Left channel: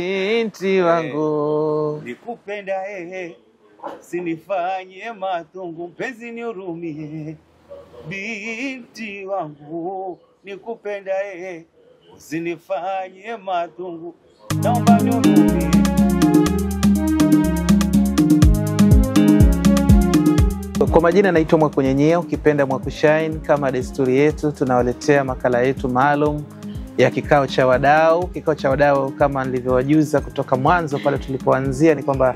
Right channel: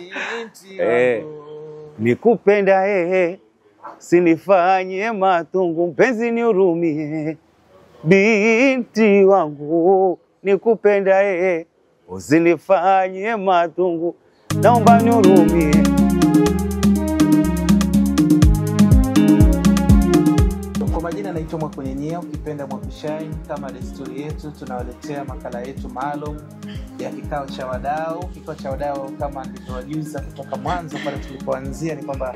Binti wangu nikupenda sinifanye matungu, mpenzi nihurumie. Binti wangu nikupenda usinifanye matungu, naomba nihurumie. Kwa majina naitwa Mwakunyenyea, ukipenda Mwakushine. Kama desturi yetu, tunawaletea makala yetu maalum ya kikao cha wadau. Kikao cha wadau, kama nilivyowajuza kutoka mwanzo pale tulipoanzia, ni kwamba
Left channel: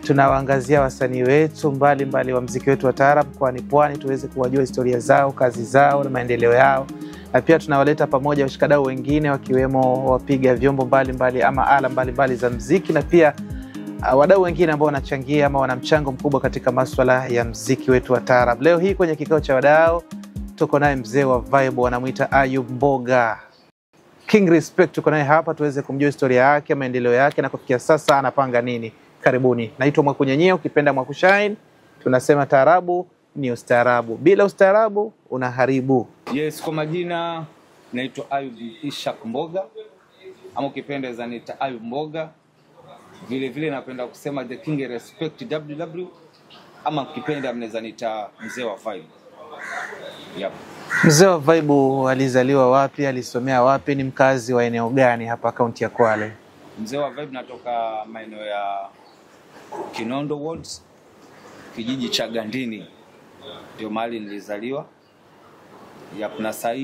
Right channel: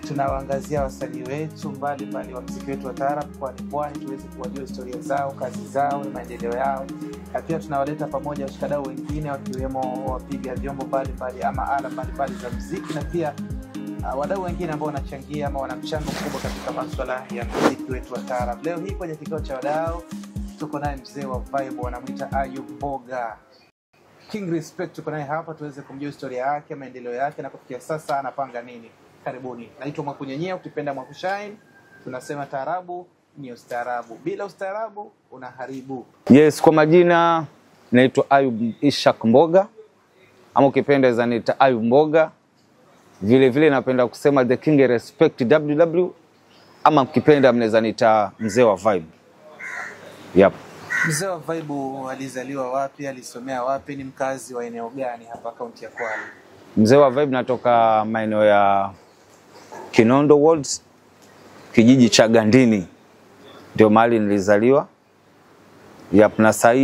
tunawaangazia wasanii wetu mbalimbali wa muziki wetu wa taarab kwa Pwani, tuweze kuwajua historia zao, kazi zao na maendeleo yao. Na pia tunawaleta pamoja washikadau wengine, wakiwemo wapiga vyombo mbalimbali ama ala mbalimbali za muziki, na pia wadau wengine ambao wanachangia ama wana mchango mkubwa katika masuala ya muziki wetu wa taarab. Leo hii kwenye kikao cha wadau tuko naye mzee wa vibe, wanamuita Ayub Mboga. King Respect tuko naye hapa tuweze kumjua historia yake, maendeleo yake na kufikia sasa anapanga nini. Karibuni. Naitwa Mwakunyenyea, ukipenda Mwakushine. Tunasema taarabu ni ustaarabu, bila ustaarabu unaharibu. Yes, kwa majina naitwa Ayub Ishak Mboga, ama ukipenda zanita Ayub Mboga. Vile vile napenda kusema the King Respect WW, ama ukipenda mnaweza nita mzee wa vibe. Yep. Mzee wa vibe alizaliwa wapi, alisomea wapi, ni mkazi wa eneo gani hapa kaunti ya Kwale? Mzee wa vibe natoka maeneo ya Kinondo Wards, kijiji cha Gandini, ndio mahali nilizaliwa. Yep, na sasa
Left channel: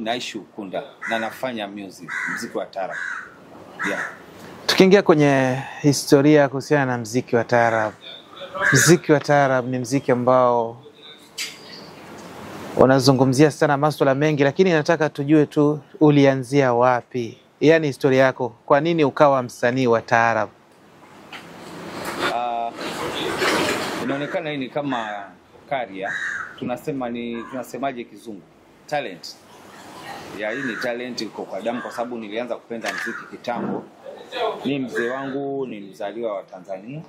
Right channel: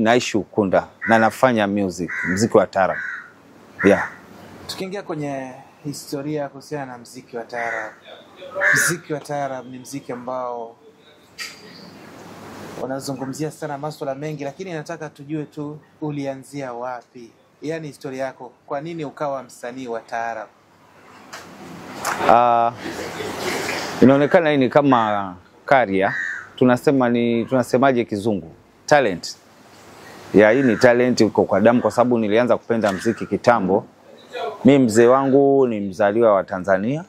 naishi Ukunda na nafanya muziki wa taarab. Yeah. Tukiingia kwenye historia kuhusiana na muziki wa taarab. Muziki wa taarab ni muziki ambao unazungumzia sana masuala mengi, lakini nataka tujue tu ulianzia wapi? Yaani historia yako, kwa nini ukawa msanii wa taarab? Inaonekana hii ni kama career, tunasemaje kizungu, talent. Ya, hii ni talent uko kwa damu, kwa sababu nilianza kupenda muziki kitambo. Mimi mzee wangu ni mzaliwa wa Tanzania,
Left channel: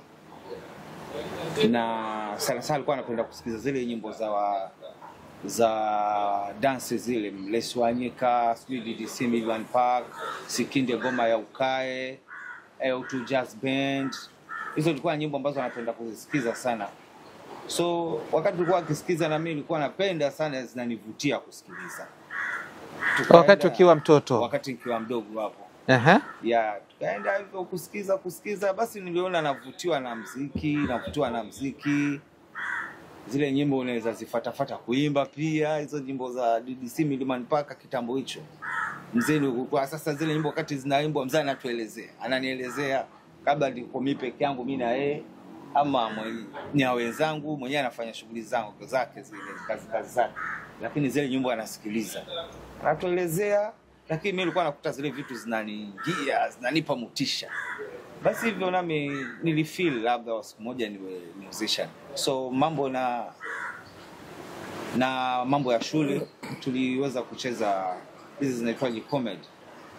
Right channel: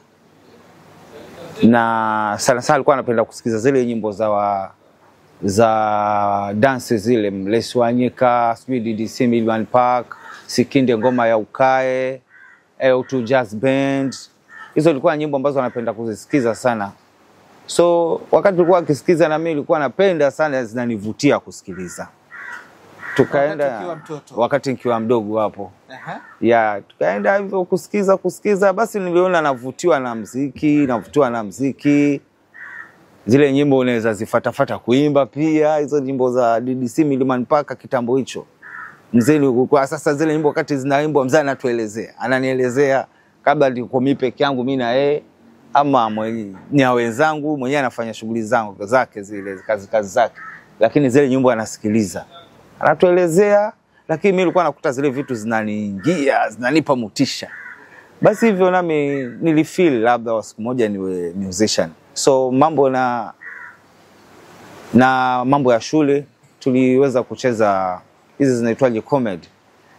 na sana alikuwa anapenda kusikiza zile nyimbo za dance zile, Mlesi Wanyika, DDC Milman Park, Sikinde ngoma ya ukae, L2 Jazz Band. Hizo zilikuwa nyimbo ambazo anapenda kuzisikiza sana. So wakati tulikuwa akisikiza na mimi nilikuwa napenda sana, zinanivutia kusikiliza. Wakati ukiwa mtoto? Wakati nikiwa mdogo hapo. Ya, tukaenda hivyo kusikiza, basi niliona navutiwa na muziki. Zile nyimbo unaweza zifatafata kuimba pia, hizo nyimbo za DDC Milman Park kitambo hicho. Mzee kwa sasa zile nyimbo wakati zinaimbwa mzee ananielezea kabla niko mimi peke yangu, mimi na yeye ama ni wenzangu, mwenyewe anafanya shughuli zake zile kazi zake, lakini zile nyimbo anasikiliza, anatuelezea, lakini mimi nilikuwa nakuta zile vitu zinaniingia, zinanipa motisha. Basi hivyo nami nilifeel labda siku moja niwe musician. So mambo na mambo ya shule tuliweza kucheza hizi zinaitwaje, comedy.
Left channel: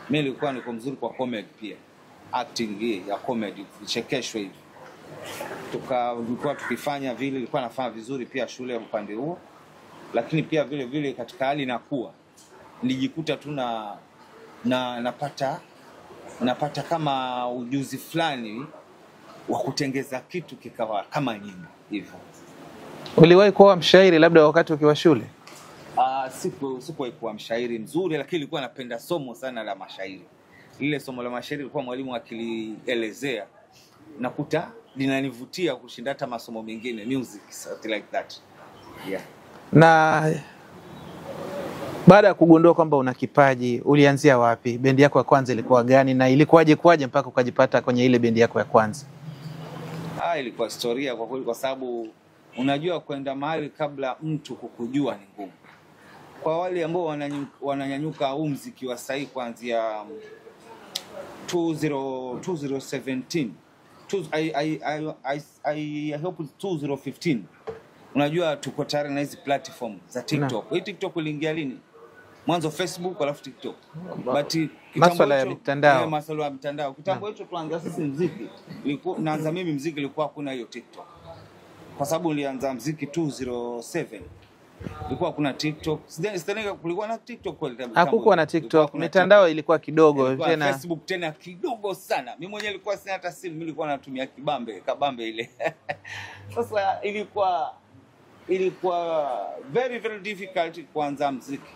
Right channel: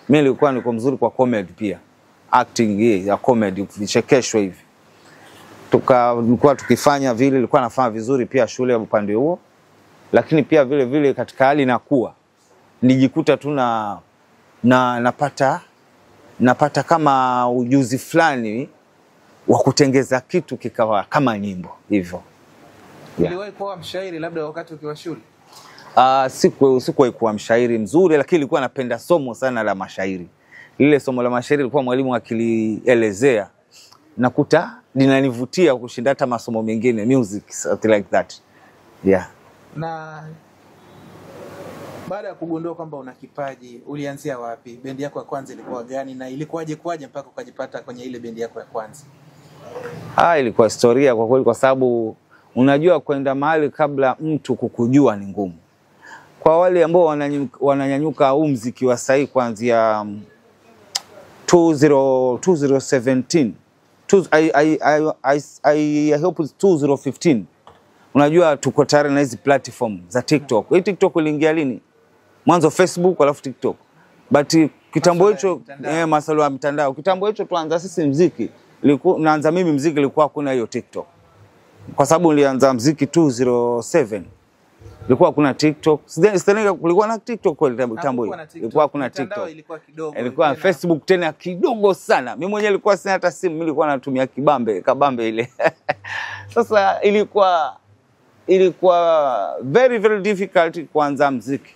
Mimi nilikuwa niko mzuri kwa comedy pia, acting hii ya comedy, vichekesho hivi. Tulikuwa tukifanya vile, nilikuwa nafanya vizuri pia shule upande huo, lakini pia vile vile katika hali nakuwa nijikuta tu napata kama ujuzi fulani wa kutengeza kitu kikawa kama nyimbo hivyo. Uliwahi kuwa mshairi labda wakati ukiwa shule? Sikuwahi kuwa mshairi mzuri, lakini nilikuwa napenda somo sana la mashairi. Lile somo la mashairi lilikuwa mwalimu akilielezea, nakuta linanivutia kushinda hata masomo mengine, music, something like that. Yeah. Na baada ya kugundua kwamba una kipaji, ulianzia wapi? Bendi yako ya kwanza ilikuwa gani na ilikuwaje mpaka ukajipata kwenye ile bendi yako ya kwanza? Ilikuwa historia kwa kweli, kwa sababu unajua kwenda mahali kabla mtu kukujua ni ngumu. Kwa wale ambao wananyanyuka muziki wa sasa kuanzia 2017, I hope it's 2015. Unajua tuko tayari na hizi platform za TikTok. Hii TikTok iliingia lini? Mwanzo Facebook alafu TikTok. But kitambo hicho masuala ya mtandao. Kitambo hicho tuanza sisi muziki. Naanza mimi muziki ilikuwa kuna hiyo TikTok. Kwa sababu nilianza muziki 2007. Ilikuwa kuna TikTok. Sidhani kulikuwa na TikTok kweli tambo. Hakukuwa na TikTok. Mitandao ilikuwa kidogo. Ilikuwa Facebook tena kidogo sana. Mimi mwenyewe nilikuwa sina hata simu, mimi nilikuwa natumia kabambe ile. Sasa ilikuwa very very difficult kuanza muziki.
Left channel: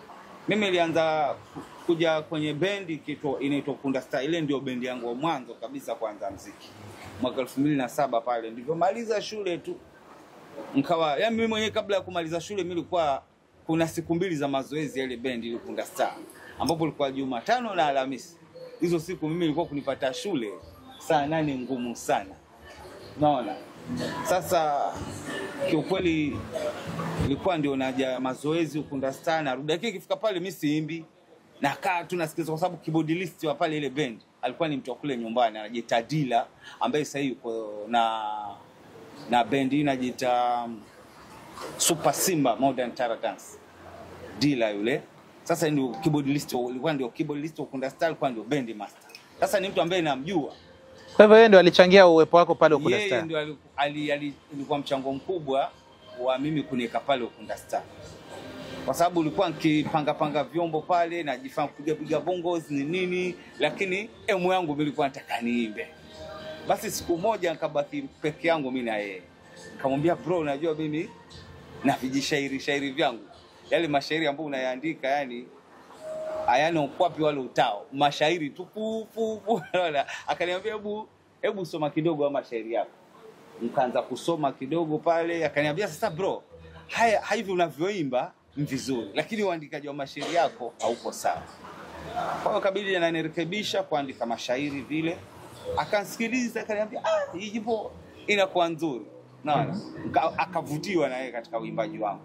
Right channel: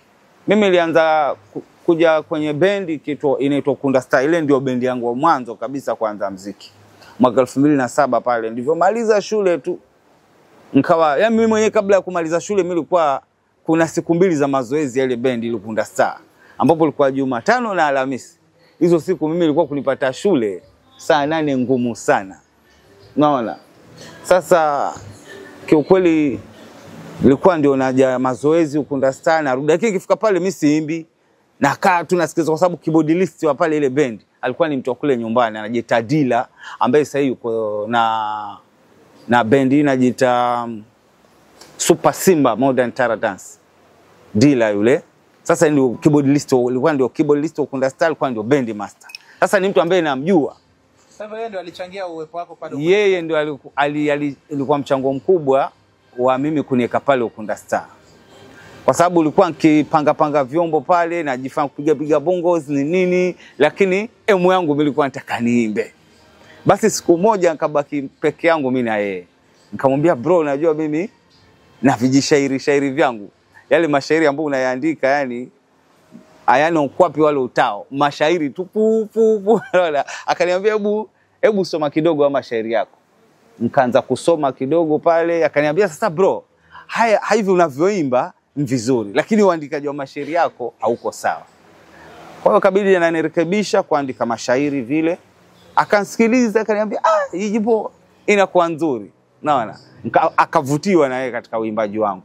Mimi nilianza kuja kwenye bendi inaitwa Ukunda Star. Ile ndio bendi yangu wa mwanzo kabisa kuanza muziki. Mwaka 2007 pale ndivyo maliza shule tu. Nikawa yani mimi mwenyewe kabla ya kumaliza shule mimi nilikuwa kuna siku 2 za mazoezi ya ile bendi ile Ukunda Star, ambapo ilikuwa Jumatano na Alhamisi. Hizo siku mimi nilikuwa kunipata shule saa 8 ngumu sana. Unaona? Sasa kiukweli nilikuwa ndio naja mazoezi Ukunda Star na rudi. Lakini ikifika pale mimi siimbi. Nakaa tu nasikiza kwa sababu keyboardist wa pale ile bendi alikuwa ni mtu kule nyumbani anajiita Dila, ambaye sasa yuko na bendi inajiita Super Simba Modern Tara Dance. Dila yule. Sasa ndio keyboardist, alikuwa ndio keyboardist wa Ukunda Star, alikuwa ndio band master. Sasa ni mtu ambaye namjua. Kwa hivyo yeye ndio alichangia uwepo wako pale Ukunda Star. Yeye ndio alikuwa mchango mkubwa wa mimi kuniweka pale Ukunda Star. Kwa sababu ulikuwa nikipanga vyombo pale na jifanya kupiga bongos ni nini, lakini emu yangu mimi nilikuwa nataka niimbe. Basi siku moja nikabaki peke yangu mimi na yeye. Nikamwambia bro, unajua mimi na vijishairi vyangu. Yale mashairi ambayo unayaandika yani hayana ukwapi wale utao. Mashairi tu pu. Akaniambia hebu soma kidogo wa mashairi yako. Nikaanza kusoma kidogo pale, akaniambia sasa bro, hivi unavyoimba ni vizuri, lakini uandikaji wa mashairi yako hauko sawa. Kwa hiyo kabidi ananirekebisha kuandika mashairi vile. Akansikiliza akaniambia hii jipo inakuwa nzuri. Naona akavutiwa na yeye katika uimbaji wangu.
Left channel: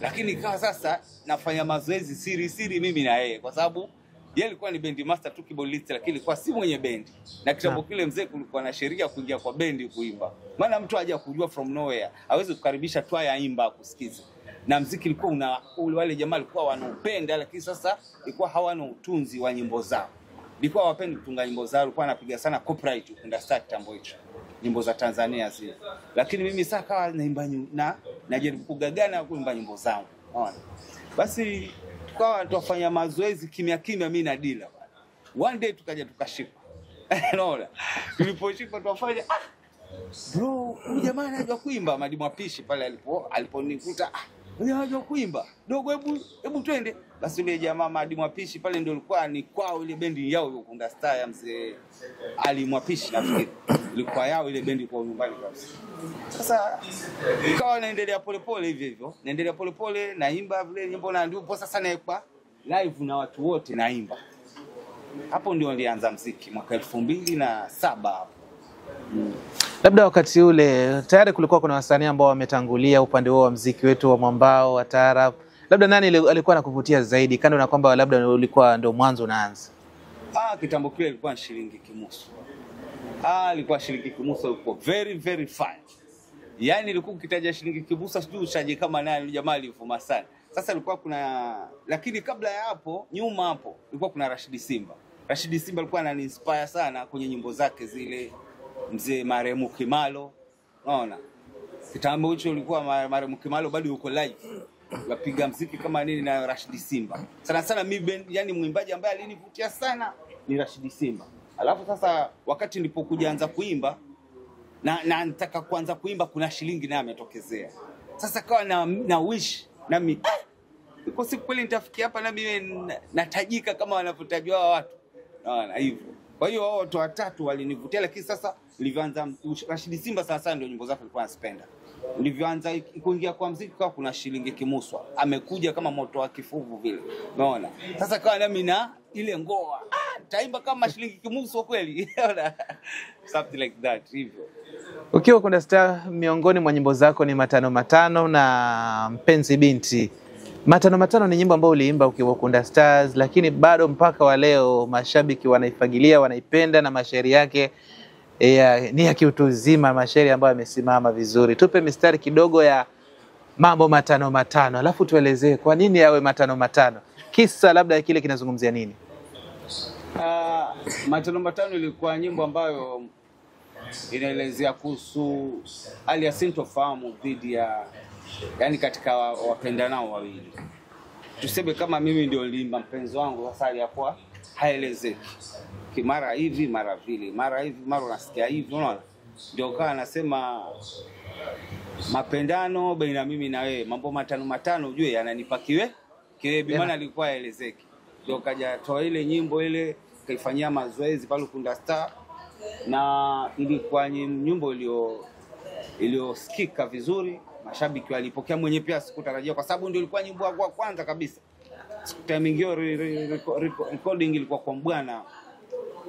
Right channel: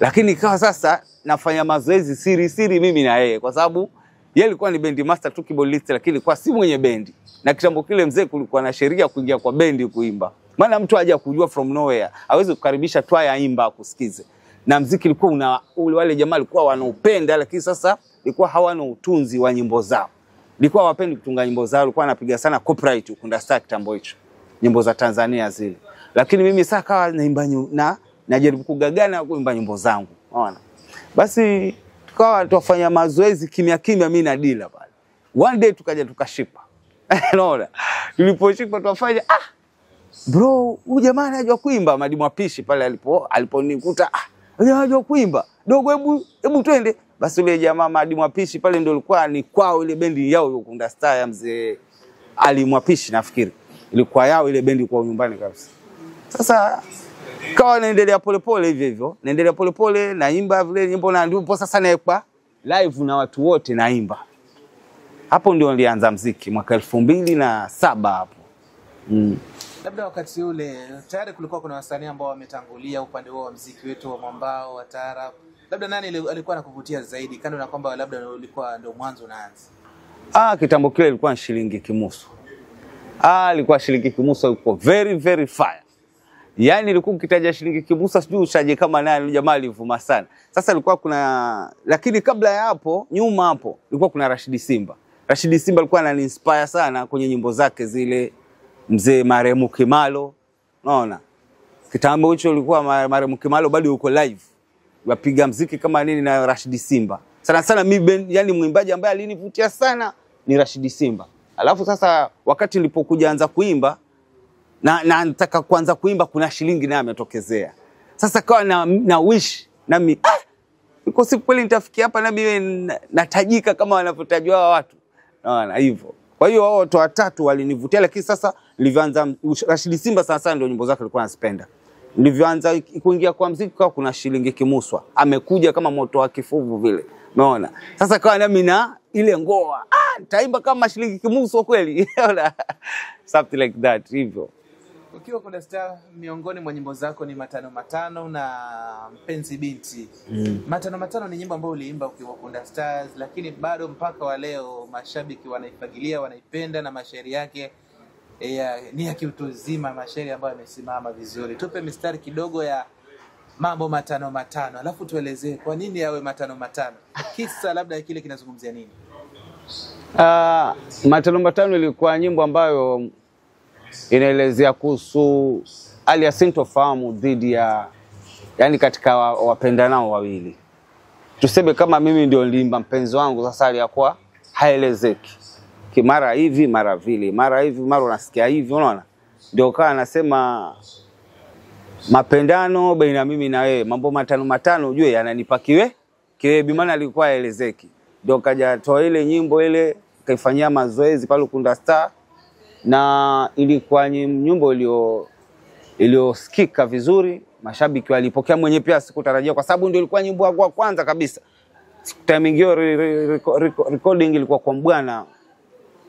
Lakini ikawa sasa nafanya mazoezi siri mimi na yeye, kwa sababu yeye alikuwa ni bendi master tu keyboardist, lakini kwa si mwenye bendi. Na kitambo kile mzee kulikuwa na sheria kuingia kwa bendi kuimba. Maana mtu haja kujua from nowhere, hawezi kukaribisha twaya imba kusikize. Na muziki ulikuwa wale jamaa walikuwa wanaupenda, lakini sasa ilikuwa hawana utunzi wa nyimbo zao. Ilikuwa wapendi kutunga nyimbo zao, walikuwa wanapiga sana copyright Ukunda Star kitambo hicho. Nyimbo za Tanzania zile. Lakini mimi sasa kawa naimba najaribu kugagana kuimba nyimbo zangu. Unaona? Basi tukawa tufanya mazoezi kimya mimi na Dila pale. One day tukaja tukashipa. Unaona? Tuliposhipa tukafanya bro, huyu jamaa anajua kuimba. Madimu Apishi pale aliponikuta anajua kuimba. Dogo hebu twende. Basi yule jamaa Madimu Apishi pale ndio alikuwa ni kwao ile bendi yao Ukunda Star ya mzee Ali Mwapishi nafikiri. Ilikuwa yao ile bendi kwa nyumbani kabisa. Sasa kawa naendelea polepole hivyo. Naendelea polepole naimba vile nyimbo na ndipo sasa naekwa live na watu wote naimba. Hapo ndio nilianza muziki mwaka 2007 hapo. Labda wakati ule tayari kulikuwa kuna wasanii ambao wametangulia upande wao wa muziki wetu wa mwambao wa taarab. Labda nani alikuwa anakuvutia zaidi kando na kwamba labda ulikuwa ndio mwanzo unaanza? Kitambo kile ilikuwa Shilingi Kimuso. Ilikuwa Shilingi Kimuso, ilikuwa very very fire. Yaani ilikuwa ukitaja Shilingi Kimuso sijui ushaje kama nani, jamaa alivuma sana. Sasa ilikuwa kuna, lakini kabla ya hapo, nyuma hapo, ilikuwa kuna Rashidi Simba. Rashidi Simba alikuwa anani-inspire sana kwenye nyimbo zake zile, mzee Marehemu Kimalo. Unaona? Kitambo hicho ilikuwa Marehemu Kimalo bado yuko live. Wapiga muziki kama nini na Rashidi Simba. Sana mimi yani mwimbaji ambaye alinivutia sana ni Rashidi Simba. Alafu sasa wakati nilipokuja anza kuimba na nataka kuanza kuimba, kuna Shilingi naye ametokezea. Sasa kawa na wish na mimi niko siku kweli nitafikia hapa na mimi natajika kama wanavyotajwa watu. Naona hivyo. Kwa hiyo wao watu watatu walinivutia, lakini sasa nilivyoanza Rashidi Simba sasa ndio nyimbo zake nilikuwa nasipenda. Nilivyoanza kuingia kwa muziki kwa kuna Shilingi Kimuswa. Amekuja kama moto wa kifuvu vile. Unaona? Sasa kawa nami na ile ngoa. Taimba kama Shilingi Kimuswa kweli. Something like that hivyo. Ukiwa Ukunda Star, miongoni mwa nyimbo zako ni Matano Matano na Mpenzi Binti. Matano Matano ni nyimbo ambayo uliimba ukiwa Ukunda Stars, lakini bado mpaka wa leo mashabiki wanaifagilia, wanaipenda na mashairi yake ni ya kiutu uzima, mashairi ambayo yamesimama vizuri. Tupe mistari kidogo ya mambo Matano Matano, alafu tuelezee kwa nini yawe Matano Matano. Kisa labda kile kinazungumzia nini? Matano Matano ilikuwa nyimbo ambayo inaelezea kuhusu hali ya sintofahamu dhidi ya yani katika wapendanao wawili. Tuseme kama mimi ndio nilimba mpenzi wangu, sasa aliyakuwa haelezeki. Kimara hivi, mara vile, mara hivi, mara unasikia hivi, unaona? Ndio kaa anasema mapendano baina mimi na wewe, mambo matano ujue yananipa kiwe maana alikuwa haelezeki. Ndio kaja toa ile nyimbo ile, kaifanyia mazoezi pale Ukunda Star, na ilikuwa nyimbo iliyosikika vizuri, mashabiki walipokea, mwenye pia sikutarajia kwa sababu ndio ilikuwa nyimbo ya kwanza kabisa. Timing hiyo recording ilikuwa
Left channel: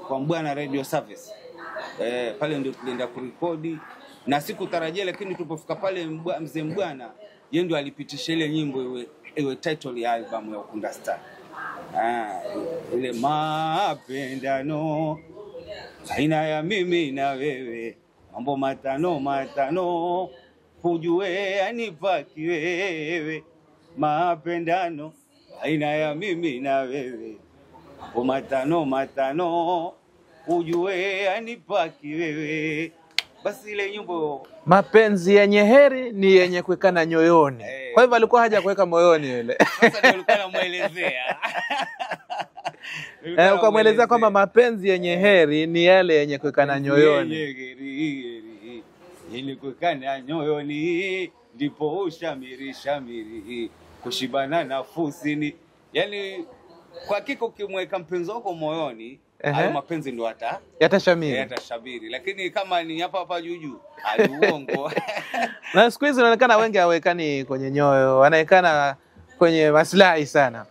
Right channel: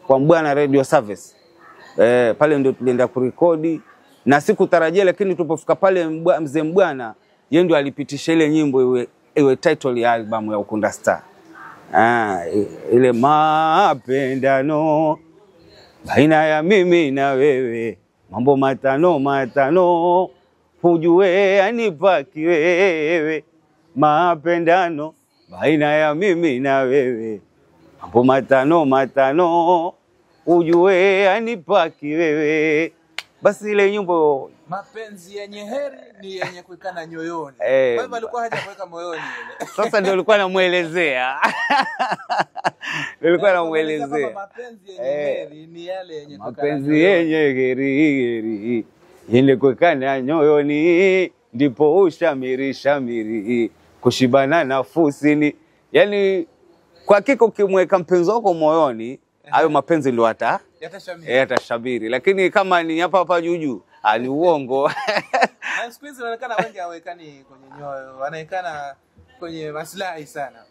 kwa Mbwana Radio Service. Pale ndio tulienda kurekodi na sikutarajia, lakini tulipofika pale mzee Mbwana yeye ndio alipitisha ile nyimbo iwe title ya album ya Ukunda Star. Ile mapendano baina ya mimi na wewe, mambo matano ujue anipaki wewe, mapendano baina ya mimi na wewe, mambo matano ujue anipaki wewe. Basi ile nyimbo mapenzi yenye heri ni yenye kuwekana nyoyoni. Kwa hivyo alikuwa haja kuweka moyoni ile. Sasa ndio alikuwa anamuelezea. Alikuwa anaelezea kwamba mapenzi yenye heri ni yale yenye kuwekana nyoyoni. Yenye heri ile kuwekana nyoyoni, ndipo ushamiri kushibana nafusini. Yani kwa hakika ukimweka mpenzi wako moyoni, hayo mapenzi ndio yatashamiri. Lakini kama ni hapa juju, aliuongo. Na siku hizi inaonekana wengi hawekani kwenye nyoyo, wanaekana kwenye maslahi sana.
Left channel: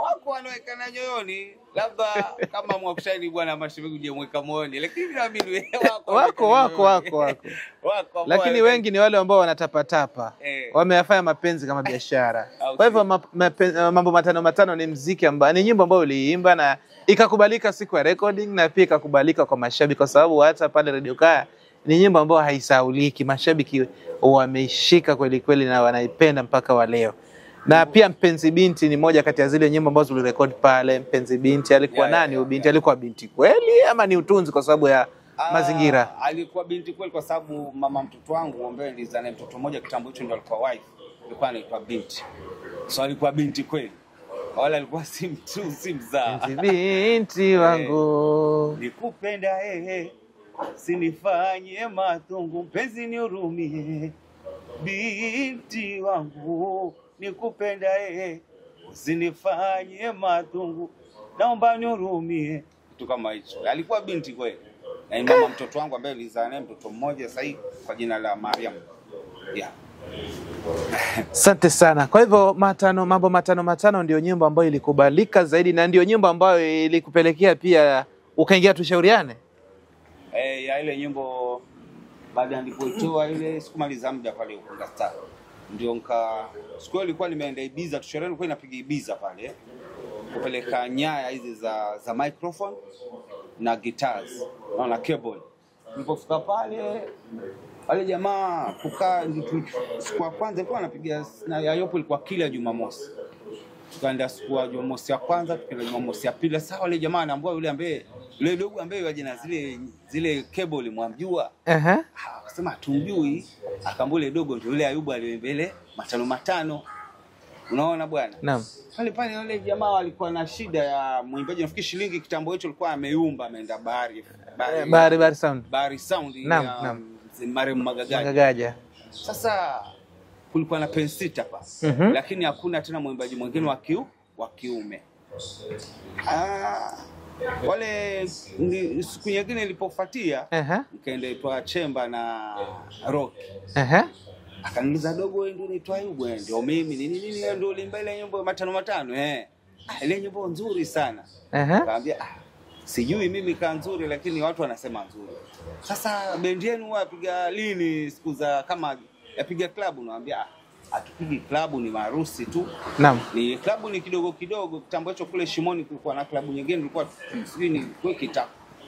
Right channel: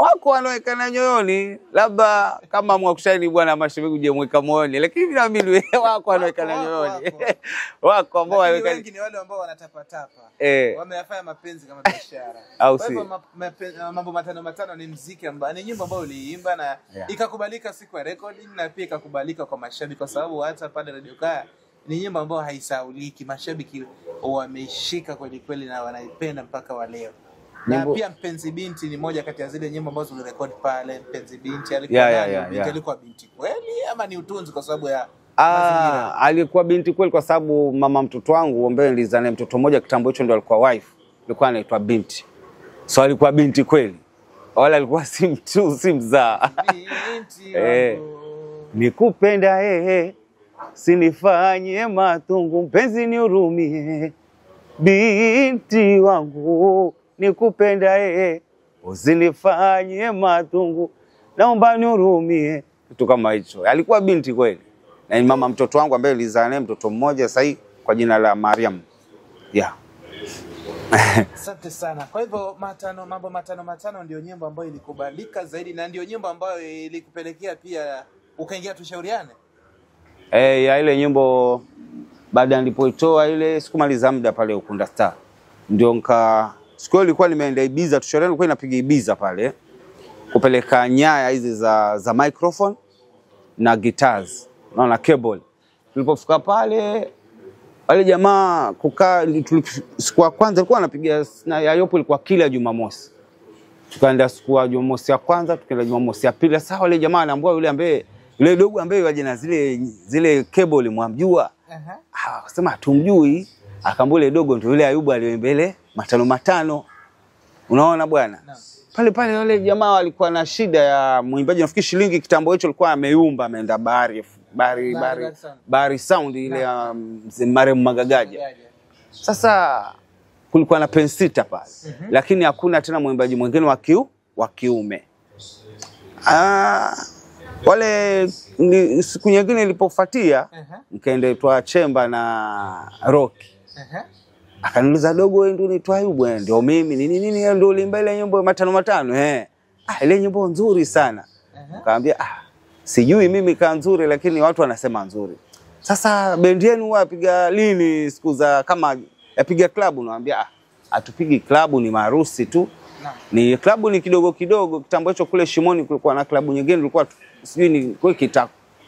Wako wanaekana nyoyoni, labda kama Mwakushaini bwana mashabiki uje mweka moyoni, lakini naamini wako wako. Lakini wengi ni wale ambao wanatapatapa. Wameyafanya mapenzi kama biashara. Kwa hivyo mambo matano ni muziki ambao ni nyimbo ambayo uliimba na ikakubalika siku ya recording, na pia ikakubalika kwa mashabiki kwa sababu hata pale Radio Kaya ni nyimbo ambayo haisauliki. Mashabiki wameishika kweli kweli na wanaipenda mpaka wa leo. Na pia Mpenzi Binti ni moja kati ya zile nyimbo ambazo tulirekodi pale. Mpenzi Binti alikuwa nani? Binti alikuwa binti kweli ama ni utunzi kwa sababu ya mazingira? Alikuwa binti kweli kwa sababu mama mtoto wangu ambaye nilizaa naye mtoto mmoja kitambo hicho ndio alikuwa wife. Alikuwa anaitwa Binti. So alikuwa binti kweli. Wala alikuwa si mtu, si mzaa. Binti wangu nikupenda sinifanye matungu, mpenzi nihurumie. Binti wangu nikupenda usinifanye matungu, naomba nihurumie. Kitu kama hicho. Alikuwa binti kweli. Na mama mtoto wangu ambaye nilizaa naye mtoto mmoja sasa kwa jina la Mariam. Asante sana. Kwa hivyo mambo matano ndio nyimbo ambayo ilikubalika zaidi na ndio nyimbo ambayo ilikupelekea pia ukaingia Tushauriane. Ya ile nyimbo baada nilipoitoa ile sikumaliza muda pale Ukunda Star. Ndio siku ilikuwa nimeenda Ibiza, Tushauriane ilikuwa inapiga Ibiza pale. Kupeleka nyaya hizi za microphone na guitars na cable. Tulipofika pale wale jamaa kukaa, siku ya kwanza alikuwa anapiga na Yayopo, ilikuwa kila Jumamosi. Tukaenda siku ya Jumamosi ya kwanza, tukaenda Jumamosi ya pili. Sasa wale jamaa anaambia yule dogo ambaye waje na zile cable mwamjua. Akasema tumjui. Akaambia yule dogo ndio yule Ayubu aliyoimbele matano. Unaona bwana? Naam. Pale wale jamaa walikuwa na shida ya muimbaji, nafikiri shilingi kitambo hicho alikuwa ameumba, ameenda Bahari Sound ya Maremu Magagaja. Sasa kulikuwa na pensita pale. Lakini hakuna tena muimbaji mwingine wa kiume. Wale siku nyingine ilipofuatia nikaenda itwa Chemba na Rocky. Akaniuliza dogo, wewe ndio unaitwa Ayubu? Ndio mimi. Nini ndio ulimba ile nyimbo matano. Ile nyimbo nzuri sana. Akaambia sijui mimi ka nzuri, lakini watu wanasema nzuri. Sasa bendi yenu wapiga lini siku za kama yapiga klabu? Naambia atupigi klabu, ni maharusi tu. Naam. Ni klabu ni kidogo kitambo hicho kule Shimoni kulikuwa na klabu nyingine, ilikuwa sijui ni kwa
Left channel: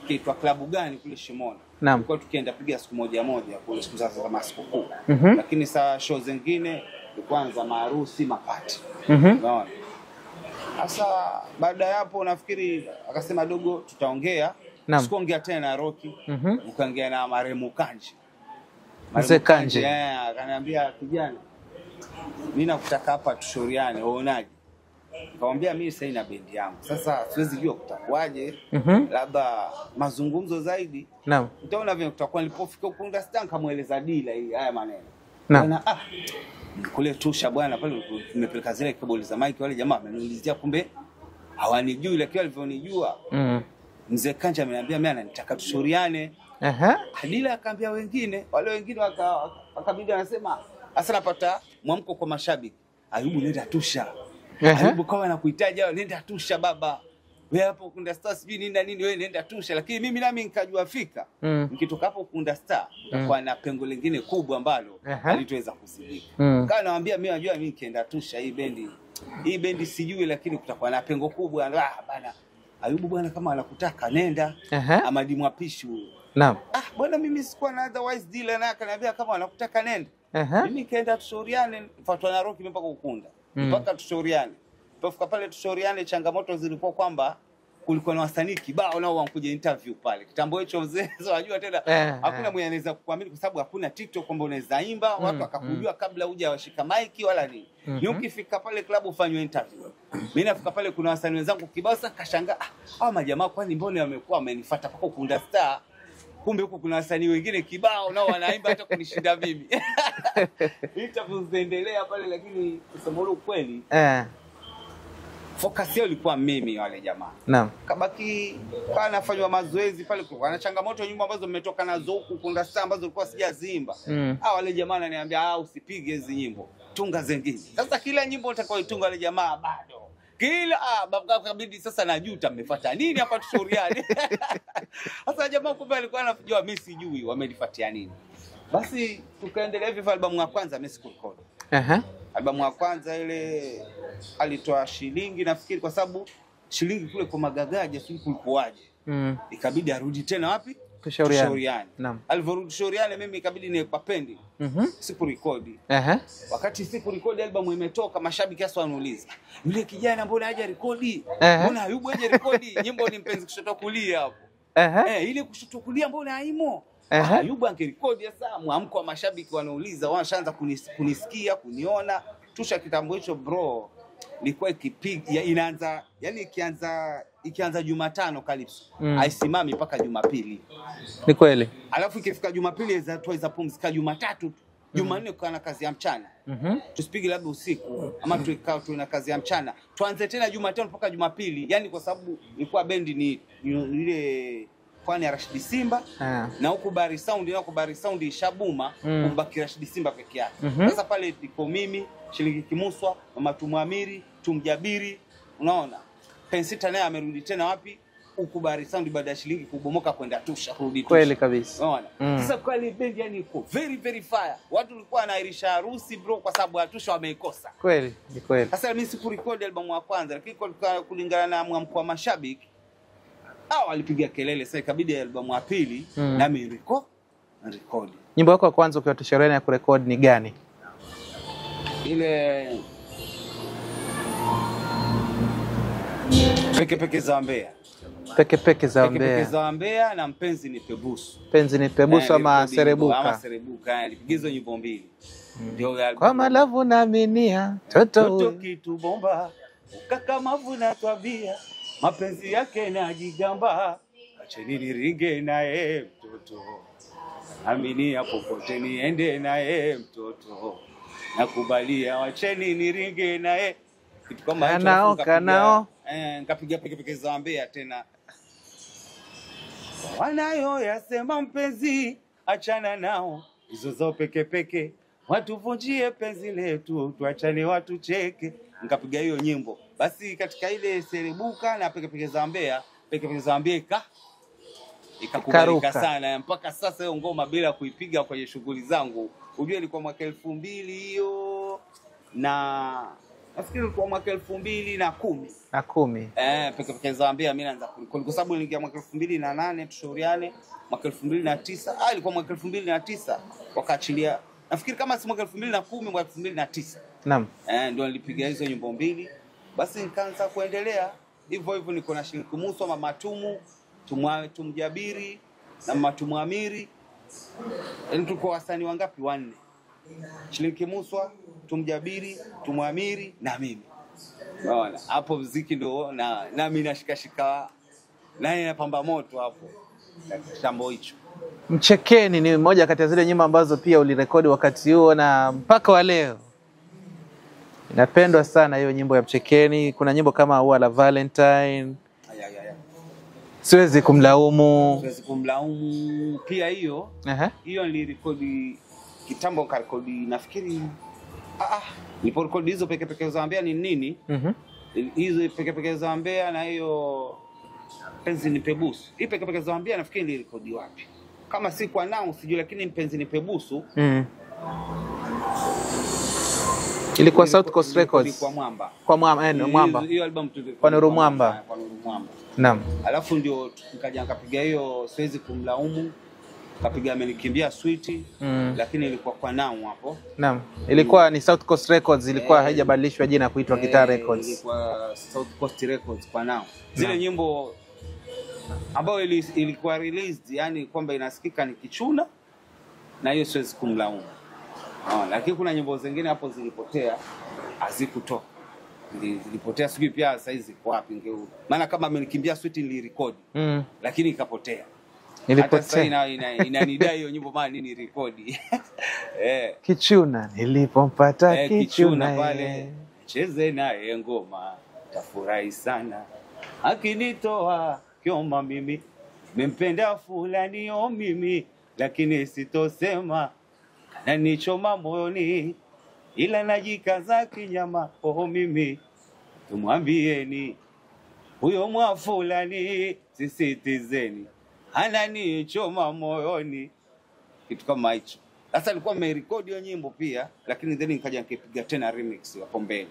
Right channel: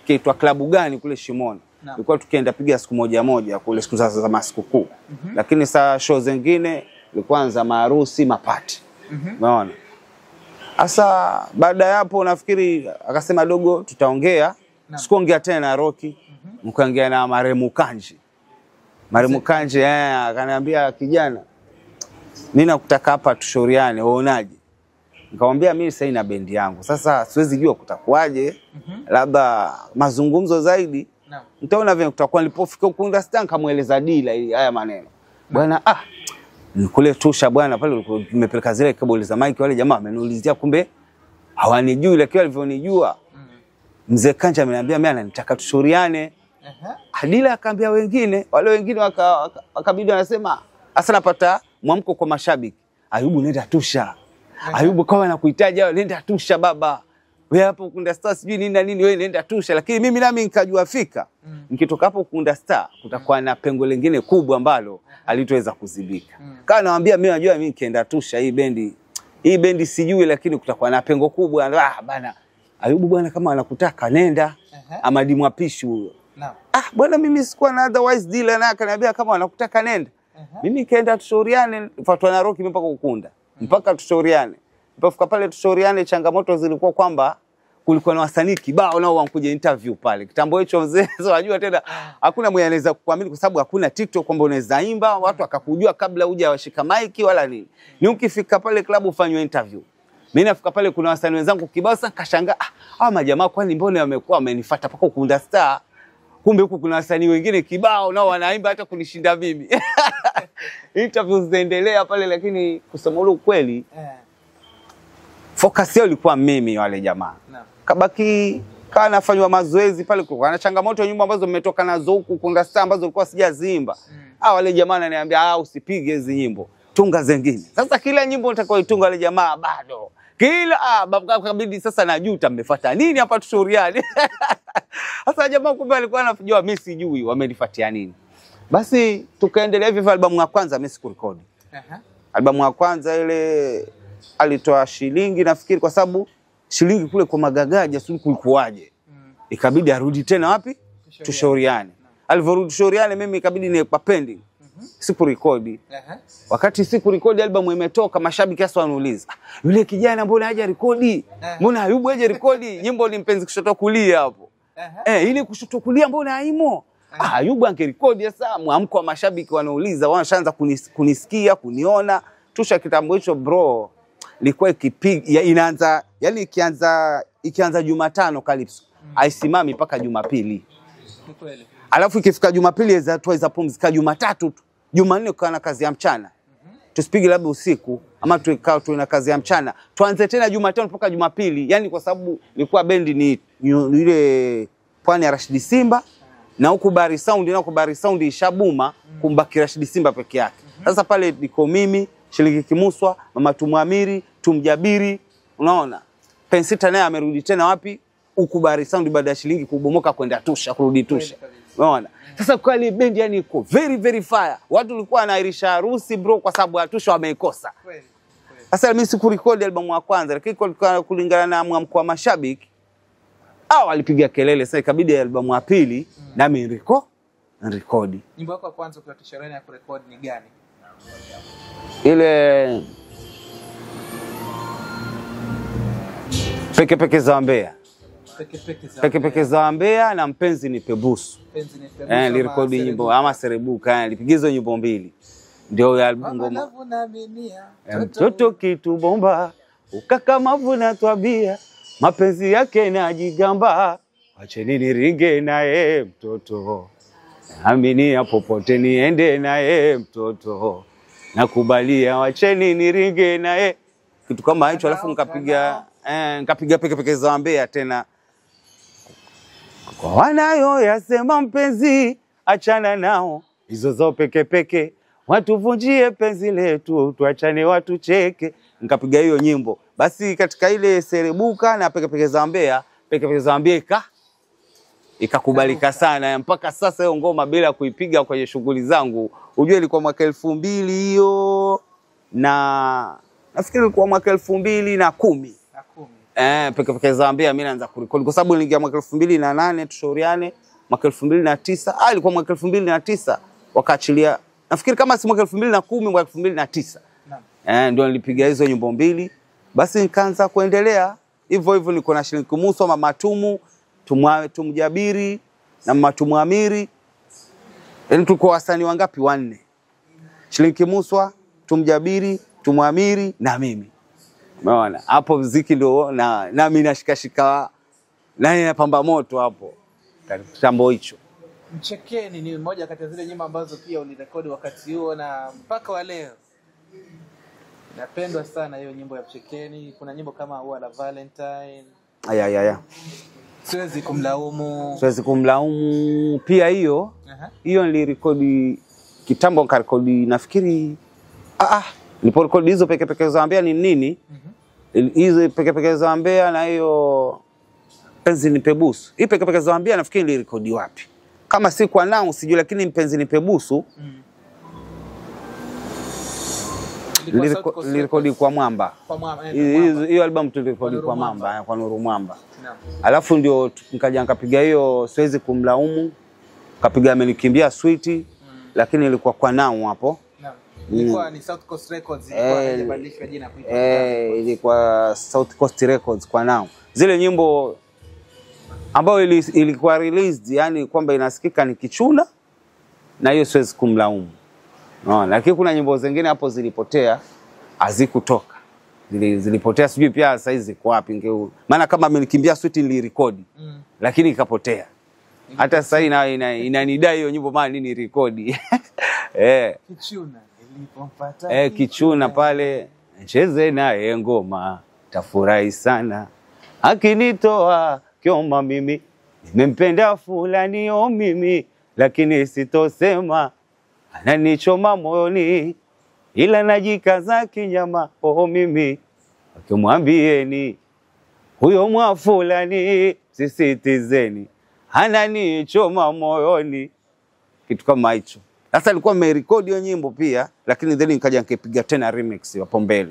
kiitwa klabu gani kule Shimoni. Tulikuwa tukienda piga siku moja kule siku za masikukuu. Lakini saa show zingine ilikuwa za maharusi, mapati. Unaona? Sasa baada ya hapo nafikiri akasema dogo tutaongea. Sikuongea tena na Rocky. Mkaongea na Maremu Kanji. Akaniambia kijana, mimi nakutaka hapa tushauriane, uonaje? Nikamwambia mimi sasa ina bendi yangu. Sasa siwezi jua kutakuaje. Labda mazungumzo zaidi. Naam. Nitaona vile kutakuwa. Nilipofika Ukunda Star kamueleza dila haya maneno. Bwana nikule tusha bwana pale nimepeleka zile keboli za mic, wale jamaa ameniulizia kumbe hawanijui, lakini walivyonijua. Mzee Kanja ameniambia mimi ananitaka tushauriane. Adila akaambia wengine, wale wengine wakabidi wanasema hasa napata mwamko kwa mashabiki. Ayubu nenda tusha. Ayubu kama anakuhitaji nenda tusha baba. Wewe hapo Ukunda Star sijui nini na nini, wewe nenda tusha. Lakini mimi nami nikajua fika. Nikitoka hapo Ukunda Star kutakuwa na pengo lingine kubwa ambalo halitoweza kuzibika. Kana nawaambia mimi najua mimi nikienda tusha hii bendi sijui, lakini kutakuwa na pengo kubwa. Bana Ayubu bwana kama anakutaka nenda. Amadi Mwapishi huyo. Naam. Bwana mimi sikuwa na otherwise dealer na akaniambia kama anakutaka nenda. Mimi kaenda tushauriane, fatwa na Roki mpaka Ukunda. Mpaka tushauriane. Mpaka pale tushauriane, changamoto zilikuwa kwamba kulikuwa na wasanii kibao nao wankuja interview pale. Kitambo hicho mzee unajua tena hakuna mwenye anaweza kukuamini kwa sababu hakuna TikTok kwamba unaweza imba, watu akakujua kabla uje washika mic wala nini. Ni ukifika pale club ufanywe interview. Mimi nafika pale kuna wasanii wenzangu kibao, sasa kashangaa hawa majamaa kwani mbona wamekuwa wamenifuata paka Ukunda Star? Kumbe huku kuna wasanii wengine kibao nao wanaimba hata kunishinda mimi. Interviews zinaendelea pale, lakini kusema ule ukweli focus yao ilikuwa mimi wale jamaa. Naam. Kabaki kana nafanywa mazoezi pale, kwa na changamoto nyumba ambazo mmetoka nazo huku Ukunda Star ambazo nilikuwa sijaziimba. Wale jamaa wananiambia usipige hizo nyimbo, tunga zingine. Sasa kila nyimbo nitakayoitunga wale jamaa bado kila kabidi sasa najuta mmefuata nini hapa tushauriane. Sasa jamaa kumbe alikuwa anajua mimi sijui wamenifuatia nini. Basi tukaendelea hivi. Albamu ya kwanza mimi sikurekodi. Albamu ya kwanza ile alitoa shilingi nafikiri, kwa sababu shilingi kule kwa magagaja sio kulikuaje. Ikabidi arudi tena wapi? Tushauriane. Alivyorudi tushauriane mimi ikabidi niweka pending. Sikurekodi. Wakati sikurekodi albamu imetoka, mashabiki hasa wanauliza, yule kijana mbona haja rekodi? Mbona Ayubu haja rekodi? Nyimbo ni mpenzi kushoto kulia hapo. Ile kushoto kulia mbona haimo? Ayubu angerekodi. Sasa mwamko wa mashabiki wanauliza, wanaanza kunisikia, kuniona. Tusha kitambo hicho bro ilikuwa ikipiga inaanza, yani ikianza Jumatano Calypso haisimami mpaka Jumapili. Ni kweli. Alafu ikifika Jumapili za pumzika Jumatatu tu. Jumanne kwa na kazi ya mchana. Tusipige labda usiku ama tuikao tu na kazi ya mchana. Tuanze tena Jumatano mpaka Jumapili. Yani kwa sababu ilikuwa bendi ni ile Pwani ya Rashid Simba na huku Bari Sound, na huku Bari Sound ishabuma kumbaki Rashid Simba peke yake. Sasa pale niko mimi, Shilingi Kimuswa, Mama Tumwamiri, Tumjabiri, unaona. Pensita naye amerudi tena wapi? Huku Bari Sound baada ya Shilingi kubomoka kwenda Tusha, kurudi Tusha. Kweli kabisa. Unaona? Sasa kwa ile bendi yani iko very very fire. Watu walikuwa wanairisha harusi bro kwa sababu ya Tusha wameikosa. Kweli, ni kweli. Sasa mimi sikurekodi albamu ya kwanza, lakini kulingana na mwamko wa mashabiki walipiga kelele. Sasa ikabidi albamu ya pili na mimi rekodi. Nyimbo yako ya kwanza ukiwa tushauriane ya kurekodi ni gani? Ile Peke za Mbeya. Peke za Mbeya na Mpenzi ni Pebusu. Mpenzi ni Pebusu ama Serebuka. Ama Serebuka, alipiga hizo nyimbo mbili. Ndio albamu. Kwa malavu na minia, toto kitu bomba, ukakamavu na twabia, mapenzi yake na jigamba, acheni niringe naye mtoto, aminia popote niende naye mtoto, nakubalia wacheni niringe naye. Kitu kama hicho. Alafu nikapiga Peke za Mbeya tena. Kwa wanayo yasema mpenzi achana nao, hizo zao peke watuvunjie penzi letu, tuachane watu cheke. Nikapiga hiyo nyimbo. Basi katika ile Serebuka na Peke za Mbeya, Peke za Mbeya ikakubalika sana. Mpaka sasa hiyo ngoma bila kuipiga kwenye shughuli zangu, unajua ilikuwa mwaka 2000 hiyo, na nafikiri ilikuwa mwaka 2010. Peke za Mbeya mimi naanza kurekodi kwa sababu niliingia mwaka 2008 tushauriane, mwaka 2009 ilikuwa mwaka 2009 wakaachilia. Nafikiri kama si mwaka 2010 mwaka 2009. Naam. Ndio nilipiga hizo nyimbo mbili. Basi nikaanza kuendelea hivyo hivyo. Niko na Shilingi Kimuswa, Mama Tumjabiri na Mama Tumwamiri. Yaani tuko wasanii wangapi? 4. Shilingi Kimuswa, Tumjabiri, Tumwamiri na mimi. Umeona? Hapo muziki ndio na mimi nashikashika na napamba moto hapo. Kitambo hicho. Mchekeni ni moja kati ya zile nyimbo ambazo pia ulirekodi wakati huo na mpaka wa leo. Inapendwa sana hiyo nyimbo ya Mchekeni. Kuna nyimbo kama Ua la Valentine. Aya. Siwezi kumlaumu. Siwezi kumlaumu. Pia hiyo. Hiyo nilirekodi kitambo, nikarekodi nafikiri niliporekodi hizo peke za Ambea ni nini? Hizo peke za Ambea na hiyo Mpenzi Nipe Busu. Hii peke za Ambea nafikiri nilirekodi wapi? Kama si kwa nao sijui, lakini Mpenzi Nipe Busu ilikuwa South Coast Records kwa Mwamba. Kwa Mwamba. Hiyo album tulikuwa kwa Nuru Mwamba. Kwa Nuru Mwamba. Naam. Alafu ndio nikaja nikapiga hiyo Siwezi Kumlaumu. Kapiga Amenikimbia Sweet, lakini ilikuwa kwa nao hapo. Naam. Ilikuwa ni South Coast Records, ilikuwa haijabadilishwa jina kuitwa Guitar Records. Ilikuwa South Coast Records kwa nao. Zile nyimbo ambayo ilikuwa released, yani kwamba inasikika ni Kichuna na hiyo Siwezi Kumlaumu. Lakini kuna nyimbo zingine hapo zilipotea, hazikutoka. Zilipotea, sijui pia sasa hizi ziko wapi. Maana kama Amenikimbia Sweet nilirekodi, lakini ikapotea. Hata sasa inanidai hiyo nyimbo maana nini rekodi. Kichuna nilipompata Kichuna pale cheze naye ngoma tafurahi sana. Akinitoa kioma mimi nimempenda fulani mimi, lakini sitosema ananichoma moyoni, ila najikaza kinyama mimi. Ukimwambieni huyo mwa fulani sisitizeni, ananichoma moyoni, kitu kama hicho. Sasa nilikuwa nimerekodi hiyo nyimbo pia, lakini then nikaja nikapiga tena remix hapo mbele.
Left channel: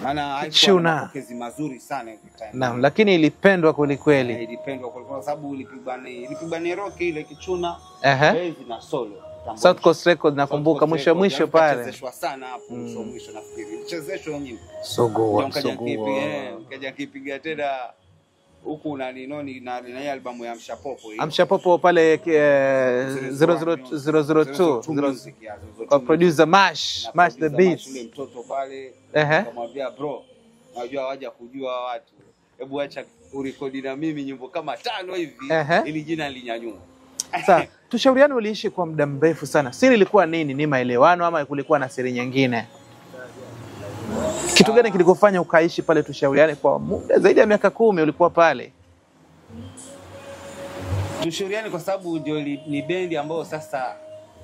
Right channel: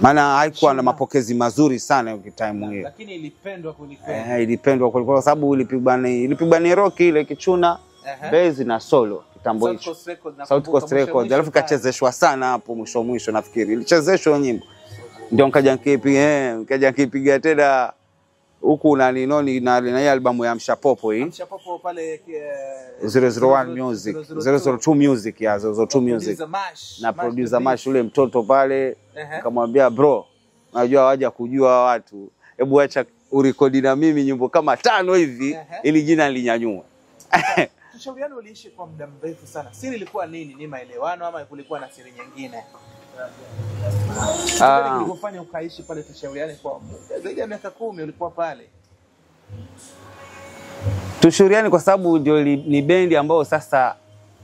Maana haikuwa na mapokezi mazuri sana hiyo time. Naam, lakini ilipendwa kweli kweli. Ilipendwa kwa sababu ilipigwa ni rock ile Kichuna, bass na solo. South Coast Records nakumbuka mwisho pale. Kachezeshwa sana hapo mwisho nafikiri. Ilichezeshwa nyimbo. Ndio nikaja nikipiga tena huku na ninoni na albamu ya Mshapopo hii. Mshapopo pale 002 Music ya 002 Music. Producer Mash. Na producer Mash ule mtoto pale. Akamwambia bro, najua waje kujua watu. Hebu acha urekodi na mimi nyimbo kama 5 hivi ili jina linyanyue. Tushauriane uliishi kwa muda mrefu sana. Siri ilikuwa nini? Ni maelewano ama kulikuwa na siri nyingine? Kitu gani kilikufanya ukaishi pale Tushauriane kwa muda zaidi ya miaka 10 ulikuwa pale? Tushauriane kwa sababu ndio ni bendi ambayo sasa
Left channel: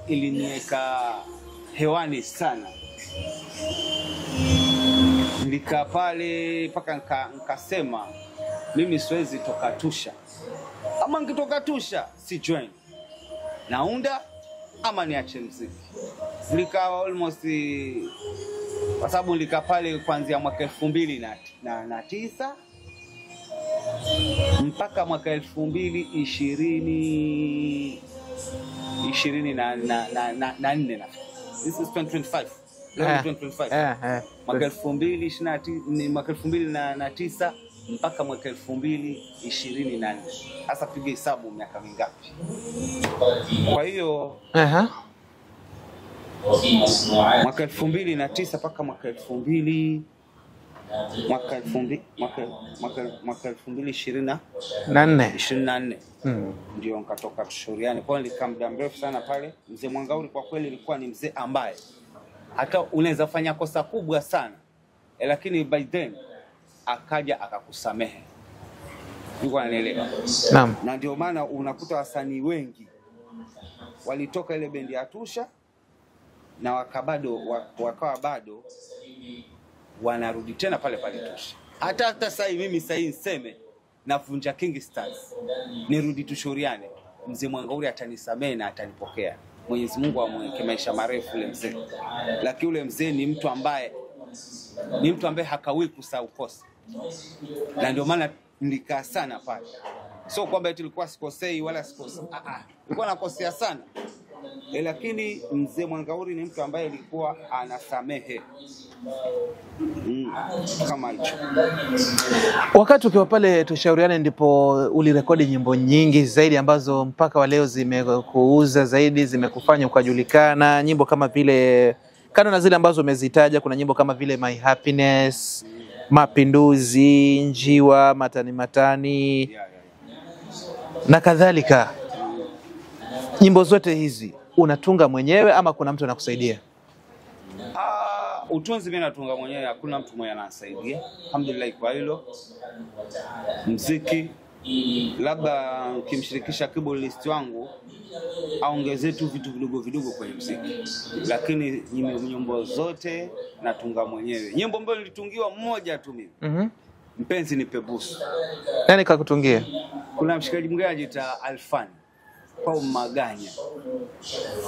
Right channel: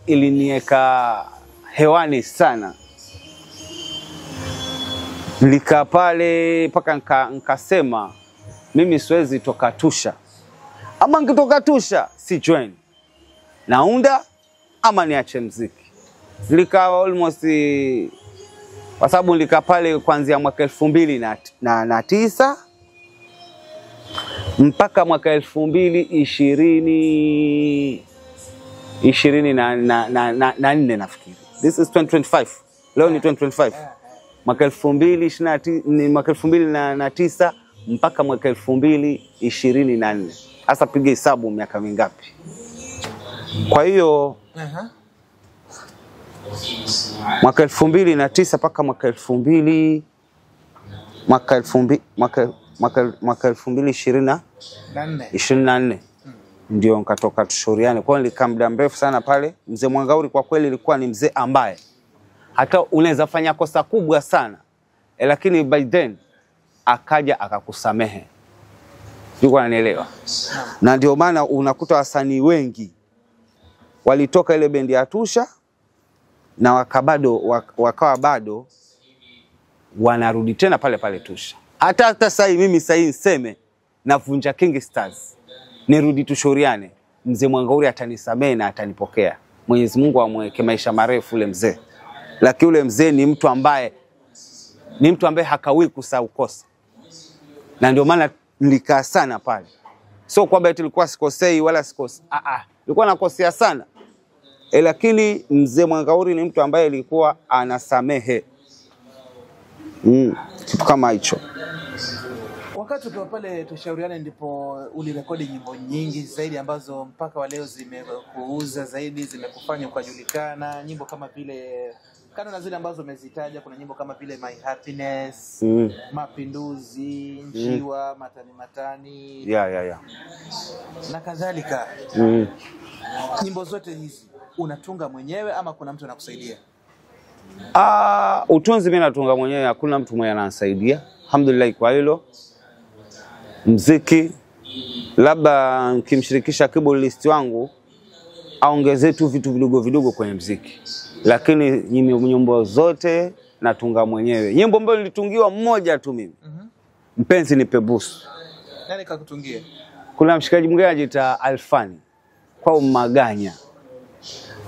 iliniweka hewani sana. Nilikaa pale mpaka nikasema mimi siwezi toka Tusha. Ama nikitoka Tusha si join naunda ama niache muziki. Nilikaa almost kwa sababu nilikaa pale kuanzia mwaka 2009 mpaka mwaka 2024 nafikiri. This is 2025. Leo ni 2025. Mwaka 2009 mpaka mwaka 2024. Sasa piga hesabu miaka mingapi. Kwa hiyo mwaka 2009 mpaka mwaka 2024 ndio nikatoka Tushauriane. Kwa hiyo nilikaa muda mrefu sana pale. Mzee Mwangauri kwa kweli ilikuwa ni mzee ambaye hata unaweza fanya kosa kubwa sana, lakini by then akaja akakusamehe. Yuko ananielewa. Naam. Na ndio maana unakuta wasanii wengi walitoka ile bendi ya Tusha na wakawa bado wanarudi tena pale pale Tusha. Hata sasa mimi sasa niseme navunja King Stars, nirudi Tushauriane, mzee Mwangauri atanisamehe na atanipokea. Mwenyezi Mungu amweke maisha marefu ule mzee. Lakini ule mzee ni mtu ambaye hakawi kusahau kosa. Na ndio maana nilikaa sana pale. Sio kwamba tulikuwa sikosei wala sikosa. Nilikuwa nakosea sana. Lakini mzee Mwangauri ni mtu ambaye alikuwa anasamehe. Kitu kama hicho. Wakati ukiwa pale Tushauriane ndipo ulirekodi nyimbo nyingi zaidi ambazo mpaka wa leo zimekuuza zaidi, zimekufanya ukajulikana. Nyimbo kama vile Kando na zile ambazo umezitaja, kuna nyimbo kama vile My Happiness, Mapinduzi, Njiwa, Matani Matani, na kadhalika. Nyimbo zote hizi unatunga mwenyewe ama kuna mtu anakusaidia? Utunzi mimi natunga mwenyewe, hakuna mtu mwenye ananisaidia. Alhamdulillah kwa hilo. Muziki labda nikimshirikisha keyboardist wangu aongezee tu vitu vidogo vidogo kwenye muziki. Lakini nyimbo zote natunga mwenyewe. Nyimbo ambayo nilitungiwa mmoja tu mimi. Mpenzi Nipe Busu. Nani kakutungia? Kuna mshikaji mwingine anajiita Alfani kwa Maganya.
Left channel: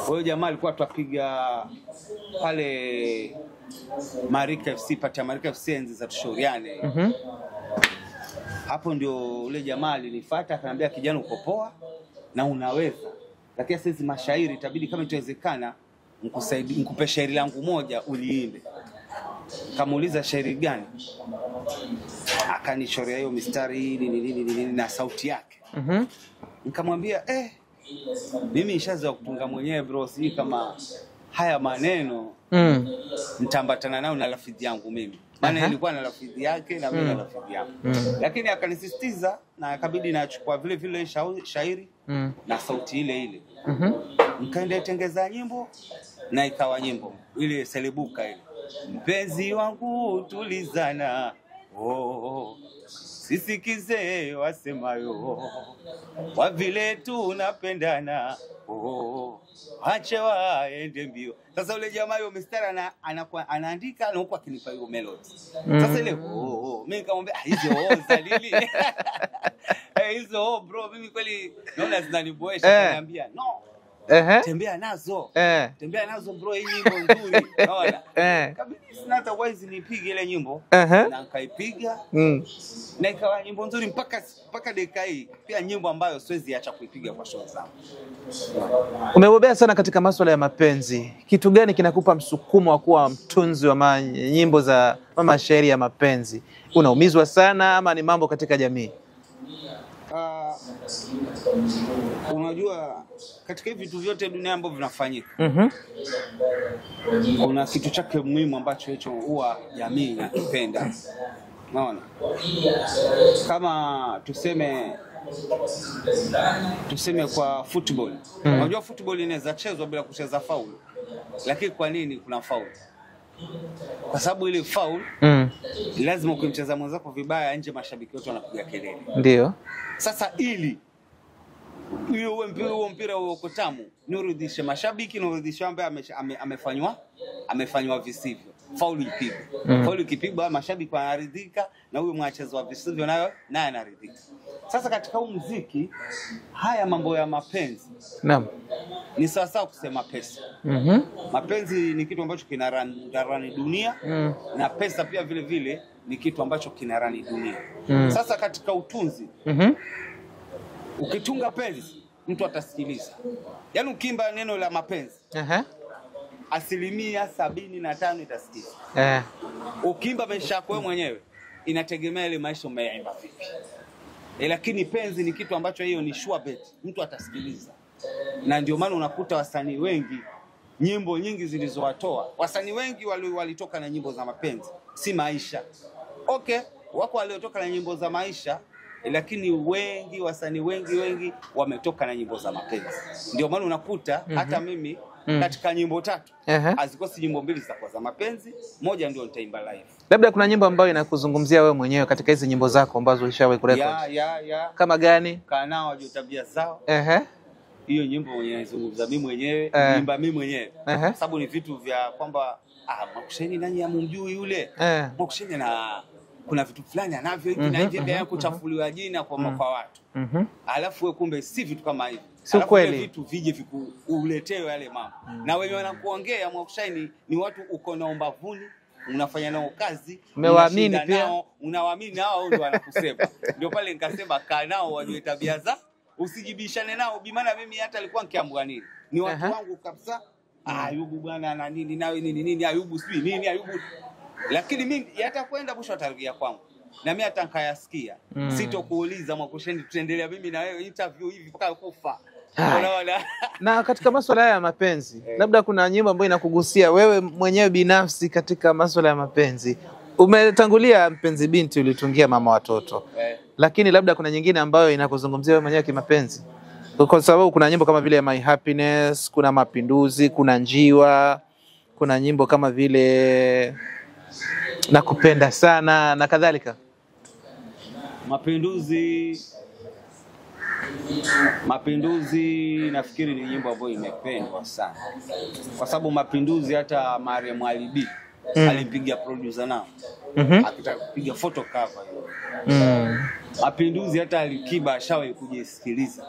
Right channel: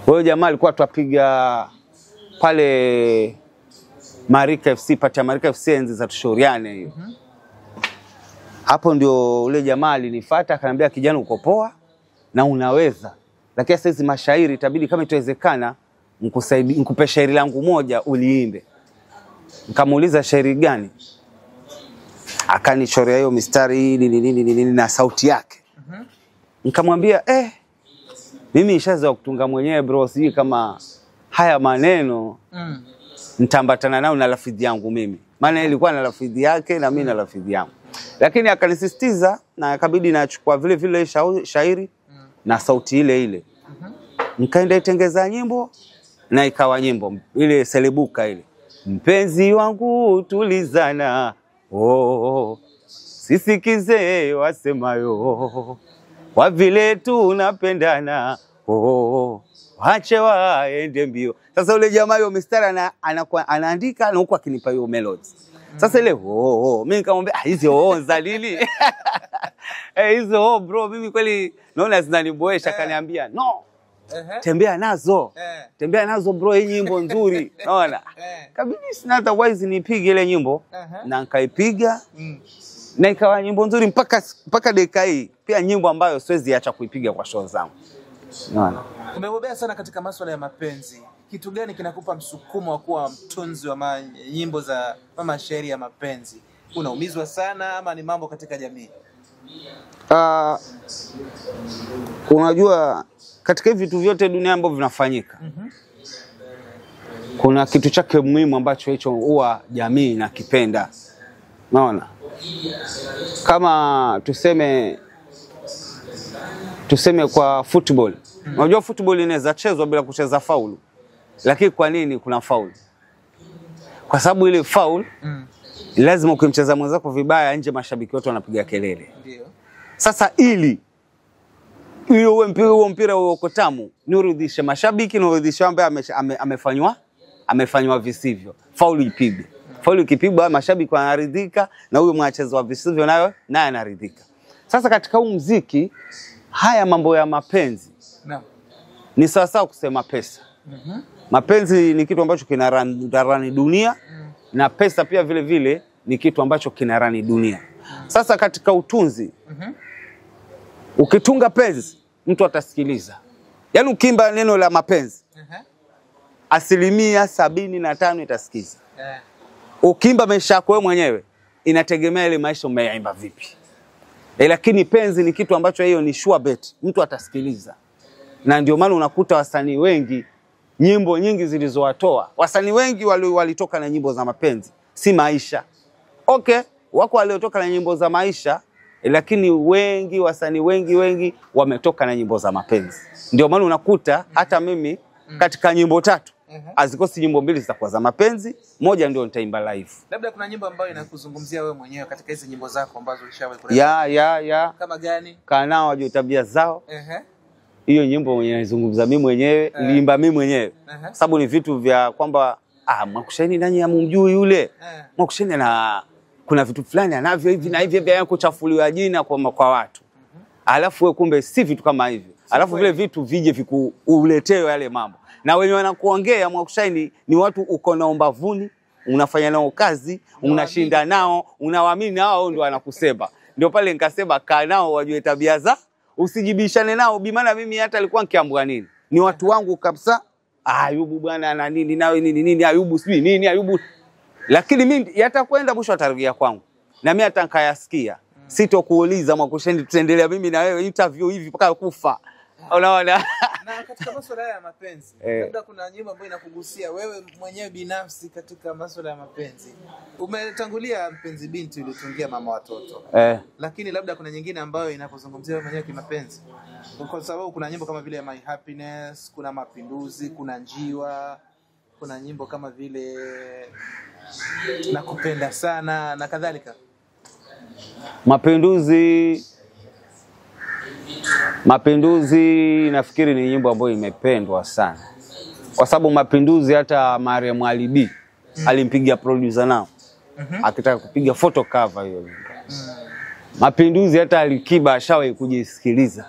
Huyo jamaa alikuwa tuapiga pale Marika FC, pata Marika FC enzi za tushauriane hiyo. Hapo ndio ule jamaa alinifuata akaniambia, kijana uko poa na unaweza, lakini sasa mashairi itabidi kama itawezekana nikupe shairi langu moja uliimbe. Nikamuuliza shairi gani? Akanichorea hiyo mistari nini na sauti yake. Nikamwambia mimi nishaanza kutunga mwenyewe bro, siji kama haya maneno nitambatana nao na lafidhi yangu mimi. Maana ilikuwa na lafidhi yake na mimi na lafidhi yangu. Lakini akanisisitiza na akabidi nachukua vile vile shairi na sauti ile ile. Nikaenda itengeza nyimbo na ikawa nyimbo ile selebuka ile. Mpenzi wangu tulizana, sisikize wasemayo, kwa vile tunapendana, wache waende mbio. Sasa ule jamaa hiyo mistari anaandika na huko akinipa hiyo melody. Sasa ile mimi nikamwambia hizo za lili. Hizo bro mimi kweli naona zinaniboesha. Akaniambia no. Tembea nazo. Tembea nazo bro, hii nyimbo nzuri. Unaona? Kabidi sina otherwise nipige ile nyimbo na nikaipiga. Na ikawa nyimbo nzuri mpaka dakika hii. Pia nyimbo ambayo siwezi acha kuipiga kwa show zangu. Umebobea sana katika masuala ya mapenzi. Kitu gani kinakupa msukumo wa kuwa mtunzi wa nyimbo za mashairi ya mapenzi? Unaumizwa sana ama ni mambo katika jamii? Unajua katika hivi vitu vyote dunia ambavyo vinafanyika, kuna kitu chake muhimu ambacho hicho huwa jamii inakipenda. Unaona? Kama tuseme kwa football. Unajua football inaweza chezwa bila kucheza foul. Lakini kwa nini kuna foul? Kwa sababu ile foul lazima ukimcheza mwenzako vibaya nje mashabiki wote wanapiga kelele. Ndio. Sasa ili huo mpira uko tamu, nirudishe mashabiki na urudishe ambaye amefanywa visivyo. Foul ipigwe. Foul ikipigwa mashabiki wanaridhika na huyo mwachezo visivyo naye anaridhika. Sasa katika huu muziki haya mambo ya mapenzi ni sawa kusema pesa. Mapenzi ni kitu ambacho kinarani dunia na pesa pia vile vile ni kitu ambacho kinarani dunia. Sasa katika utunzi ukitunga penzi mtu atasikiliza. Yaani ukimba neno la mapenzi 75% itasikiza. Ukimba maisha yako wewe mwenyewe inategemea ile maisha umeyaimba vipi. Lakini penzi ni kitu ambacho hiyo ni sure bet, mtu atasikiliza. Na ndio maana unakuta wasanii wengi, nyimbo nyingi zilizowatoa, wasanii wengi walitoka na nyimbo za mapenzi, si maisha. Wako waliotoka na nyimbo za maisha, lakini wasanii wengi wametoka na nyimbo za mapenzi. Ndio maana unakuta hata mimi katika nyimbo 3 azikosi nyimbo 2 zitakuwa za mapenzi, moja ndio nitaimba live. Labda kuna nyimbo ambayo inakuzungumzia wewe mwenyewe katika hizo nyimbo zako ambazo ulishawahi kuleta? Ya. Kama gani? Kaa nao wajue tabia zao. Hiyo nyimbo mwenyewe nizungumza mimi mwenyewe, niimba mimi mwenyewe. Sababu ni vitu vya kwamba Mwakushaini nani amumjui yule. Mwakushaini kuna vitu fulani anavyo hivi na hivi vya kuchafuliwa jina kwa watu. Alafu wewe kumbe si vitu kama hivi. Alafu vile vitu vije vikuuletewe yale mambo. Na wenye wanakuongea Mwakushaini ni watu uko na umbavuni, unafanya nao kazi, unashinda nao, unawaamini nao ndio wanakusema. Ndio pale nikasema kaa nao wajue tabia za, usijibishane nao. Bimana mimi hata alikuwa nikiambwa nini. Ni watu wangu kabisa. Ayubu bwana ana nini nawe nini Ayubu sijui nini Ayubu. Lakini mimi yatakwenda mwisho atarejea kwangu. Na mimi hata nikayasikia. Sitokuuliza Mwakushaini tutaendelea mimi na wewe interview hivi mpaka kufa. Unaona? Na katika masuala ya mapenzi, labda kuna nyimbo ambayo inakugusia wewe mwenyewe binafsi katika masuala ya mapenzi. Umetangulia Mpenzi Binti ulitungia Mama Watoto. Lakini labda kuna nyingine ambayo inakuzungumzia wewe mwenyewe kimapenzi. Kwa sababu kuna nyimbo kama vile My Happiness, kuna Mapinduzi, kuna Njiwa, kuna nyimbo kama vile Nakupenda Sana na kadhalika. Mapinduzi nafikiri ni nyimbo ambayo imependwa sana. Kwa sababu Mapinduzi hata Mariam Ali B alimpigia producer nao. Akitaka kupiga photo cover hiyo. Mapinduzi hata Alikiba ashawahi kujisikiliza.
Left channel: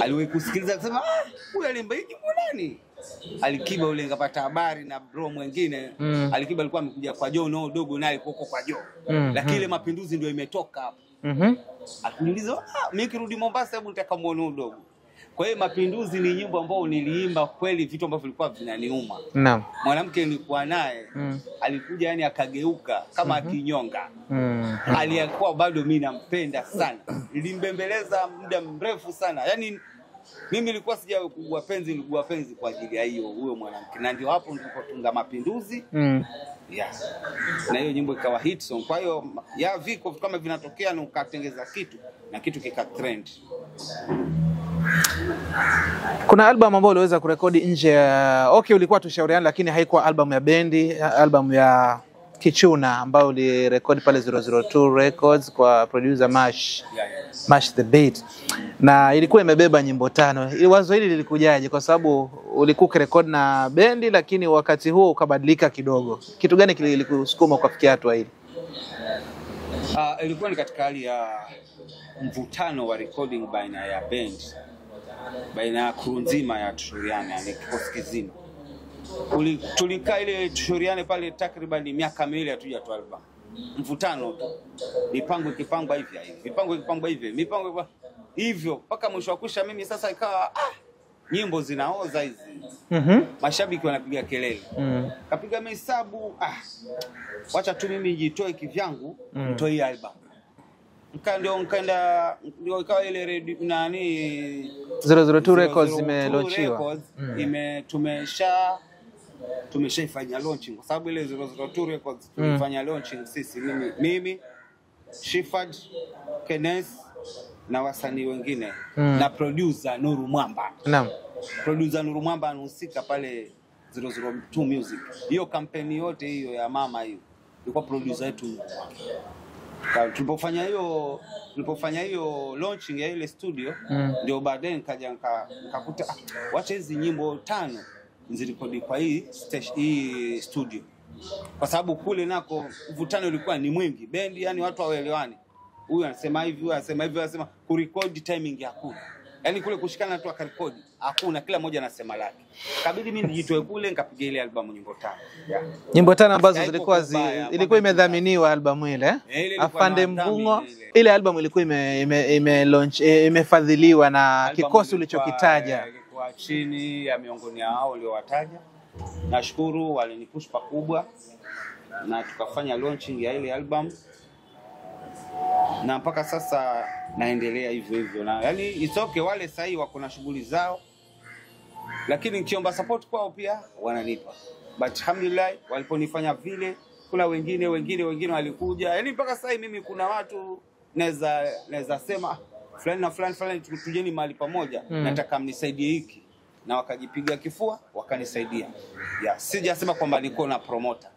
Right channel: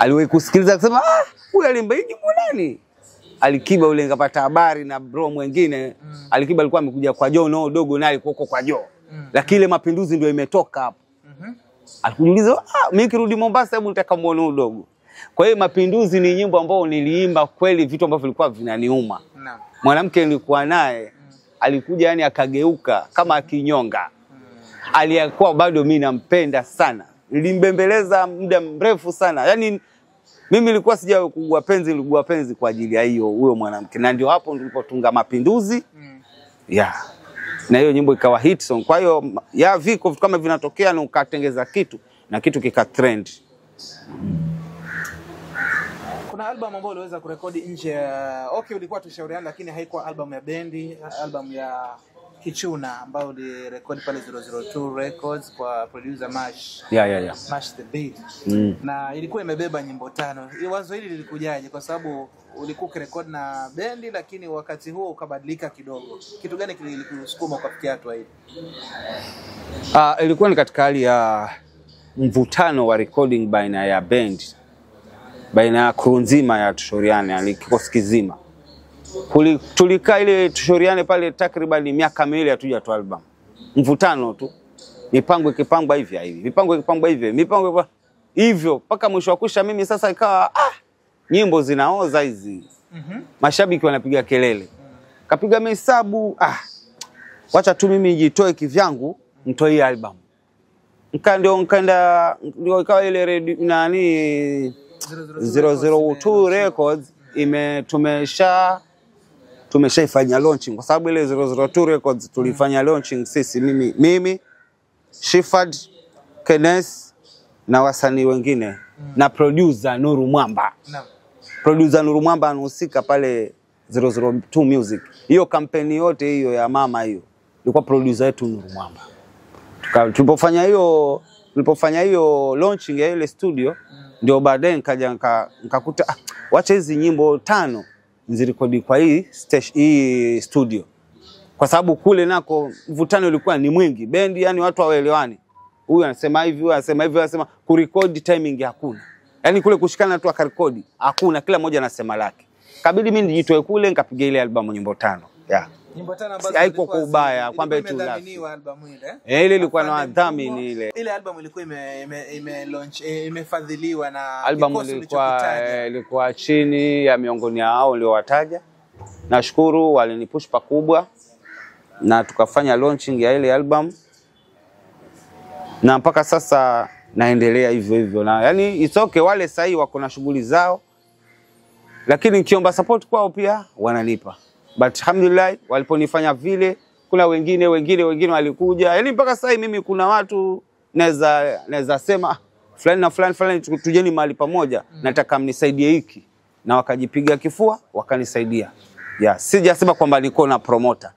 Aliwahi kusikiliza akasema huyu alimba hiki nani? Alikiba ule ngapata habari na bro mwingine. Alikiba alikuwa amekuja kwa Joe no dogo naye huko kwa Joe. Lakini ile Mapinduzi ndio imetoka hapo. Alikujiuliza mimi kirudi Mombasa hebu nitaka muone udogo. Kwa hiyo Mapinduzi ni nyimbo ambayo niliimba kweli vitu ambavyo vilikuwa vinaniuma. Naam. Mwanamke nilikuwa naye alikuja yani akageuka kama akinyonga. Aliyekuwa bado mimi nampenda sana. Nilimbembeleza muda mrefu sana. Yani mimi nilikuwa sija kugua penzi kwa ajili ya hiyo huyo mwanamke. Na ndio hapo nilipotunga Mapinduzi. Na hiyo nyimbo ikawa hit song. Kwa hiyo viko kama vinatokea na ukatengeza kitu na kitu kika trend. Kuna album ambayo uliweza kurekodi nje ya ulikuwa tushauriana lakini haikuwa album ya bendi, album ya Kichuna ambayo ulirekodi pale 002 Records kwa producer Mash. Mash the Beat. Na ilikuwa imebeba nyimbo 5. Wazo hili lilikujaje? Kwa sababu ulikuwa ukirekodi na bendi lakini wakati huo ukabadilika kidogo. Kitu gani kilikusukuma kufikia hatua hii? Ilikuwa ni katika hali ya mvutano wa recording baina ya band, baina ya crew nzima ya Tushauriane, kikosi kizima. Tulikaa ile Tushauriane pale takriban miaka miwili hatujatoa album. Mvutano tu. Mipango ikipangwa hivi hivi. Mipango ikipangwa hivi. Mipango hivyo mpaka mwisho wa kusha mimi sasa ikawa nyimbo zinaoza hizi. Mashabiki wanapiga kelele. Kapiga hesabu wacha tu mimi nijitoe kivyangu nitoe album. Nikaenda ikawa ile nani 002 Records tumeshaifanya launching kwa sababu ile 002 Records tulifanya launching sisi mimi Shifad, Kenneth na wasanii wengine na producer Nuru Mwamba. Naam. Producer Nuru Mwamba anahusika pale 002 Music. Hiyo kampeni yote hiyo ya mama hiyo ilikuwa producer yetu Nuru Mwamba. Tulipofanya hiyo launching ya ile studio ndio baadaye nikakuta wacha hizi nyimbo 5 nzirekodi kwa hii studio. Kwa sababu kule nako mvutano ulikuwa ni mwingi. Bendi yani watu hawaelewani. Huyu anasema hivi, huyu anasema hivi, anasema kurekodi timing hakuna. Yani kule kushikana tu akarekodi hakuna, kila mmoja anasema lake. Kabidi mimi nijitoe kule nikapiga ile album nyimbo 5. Nyimbo 5 ambazo ilikuwa imedhaminiwa album ile. Ile ilikuwa na dhamini ile. Ile album ilikuwa imefadhiliwa na kikosi ulichokitaja. Ilikuwa chini ya miongoni hao ndio wataja. Nashukuru walinipush pakubwa na tukafanya launching ya ile album. Na mpaka sasa naendelea hivyo hivyo na yani it's okay, wale sahi wako na shughuli zao. Lakini nikiomba support kwao pia wananipa. But alhamdulillah waliponifanya vile kuna wengine walikuja. Yani mpaka sasa mimi kuna watu naweza sema fulani na fulani tujeni mahali pamoja nataka mnisaidie hiki na wakajipiga kifua wakanisaidia. Sijasema kwamba niko na promoter.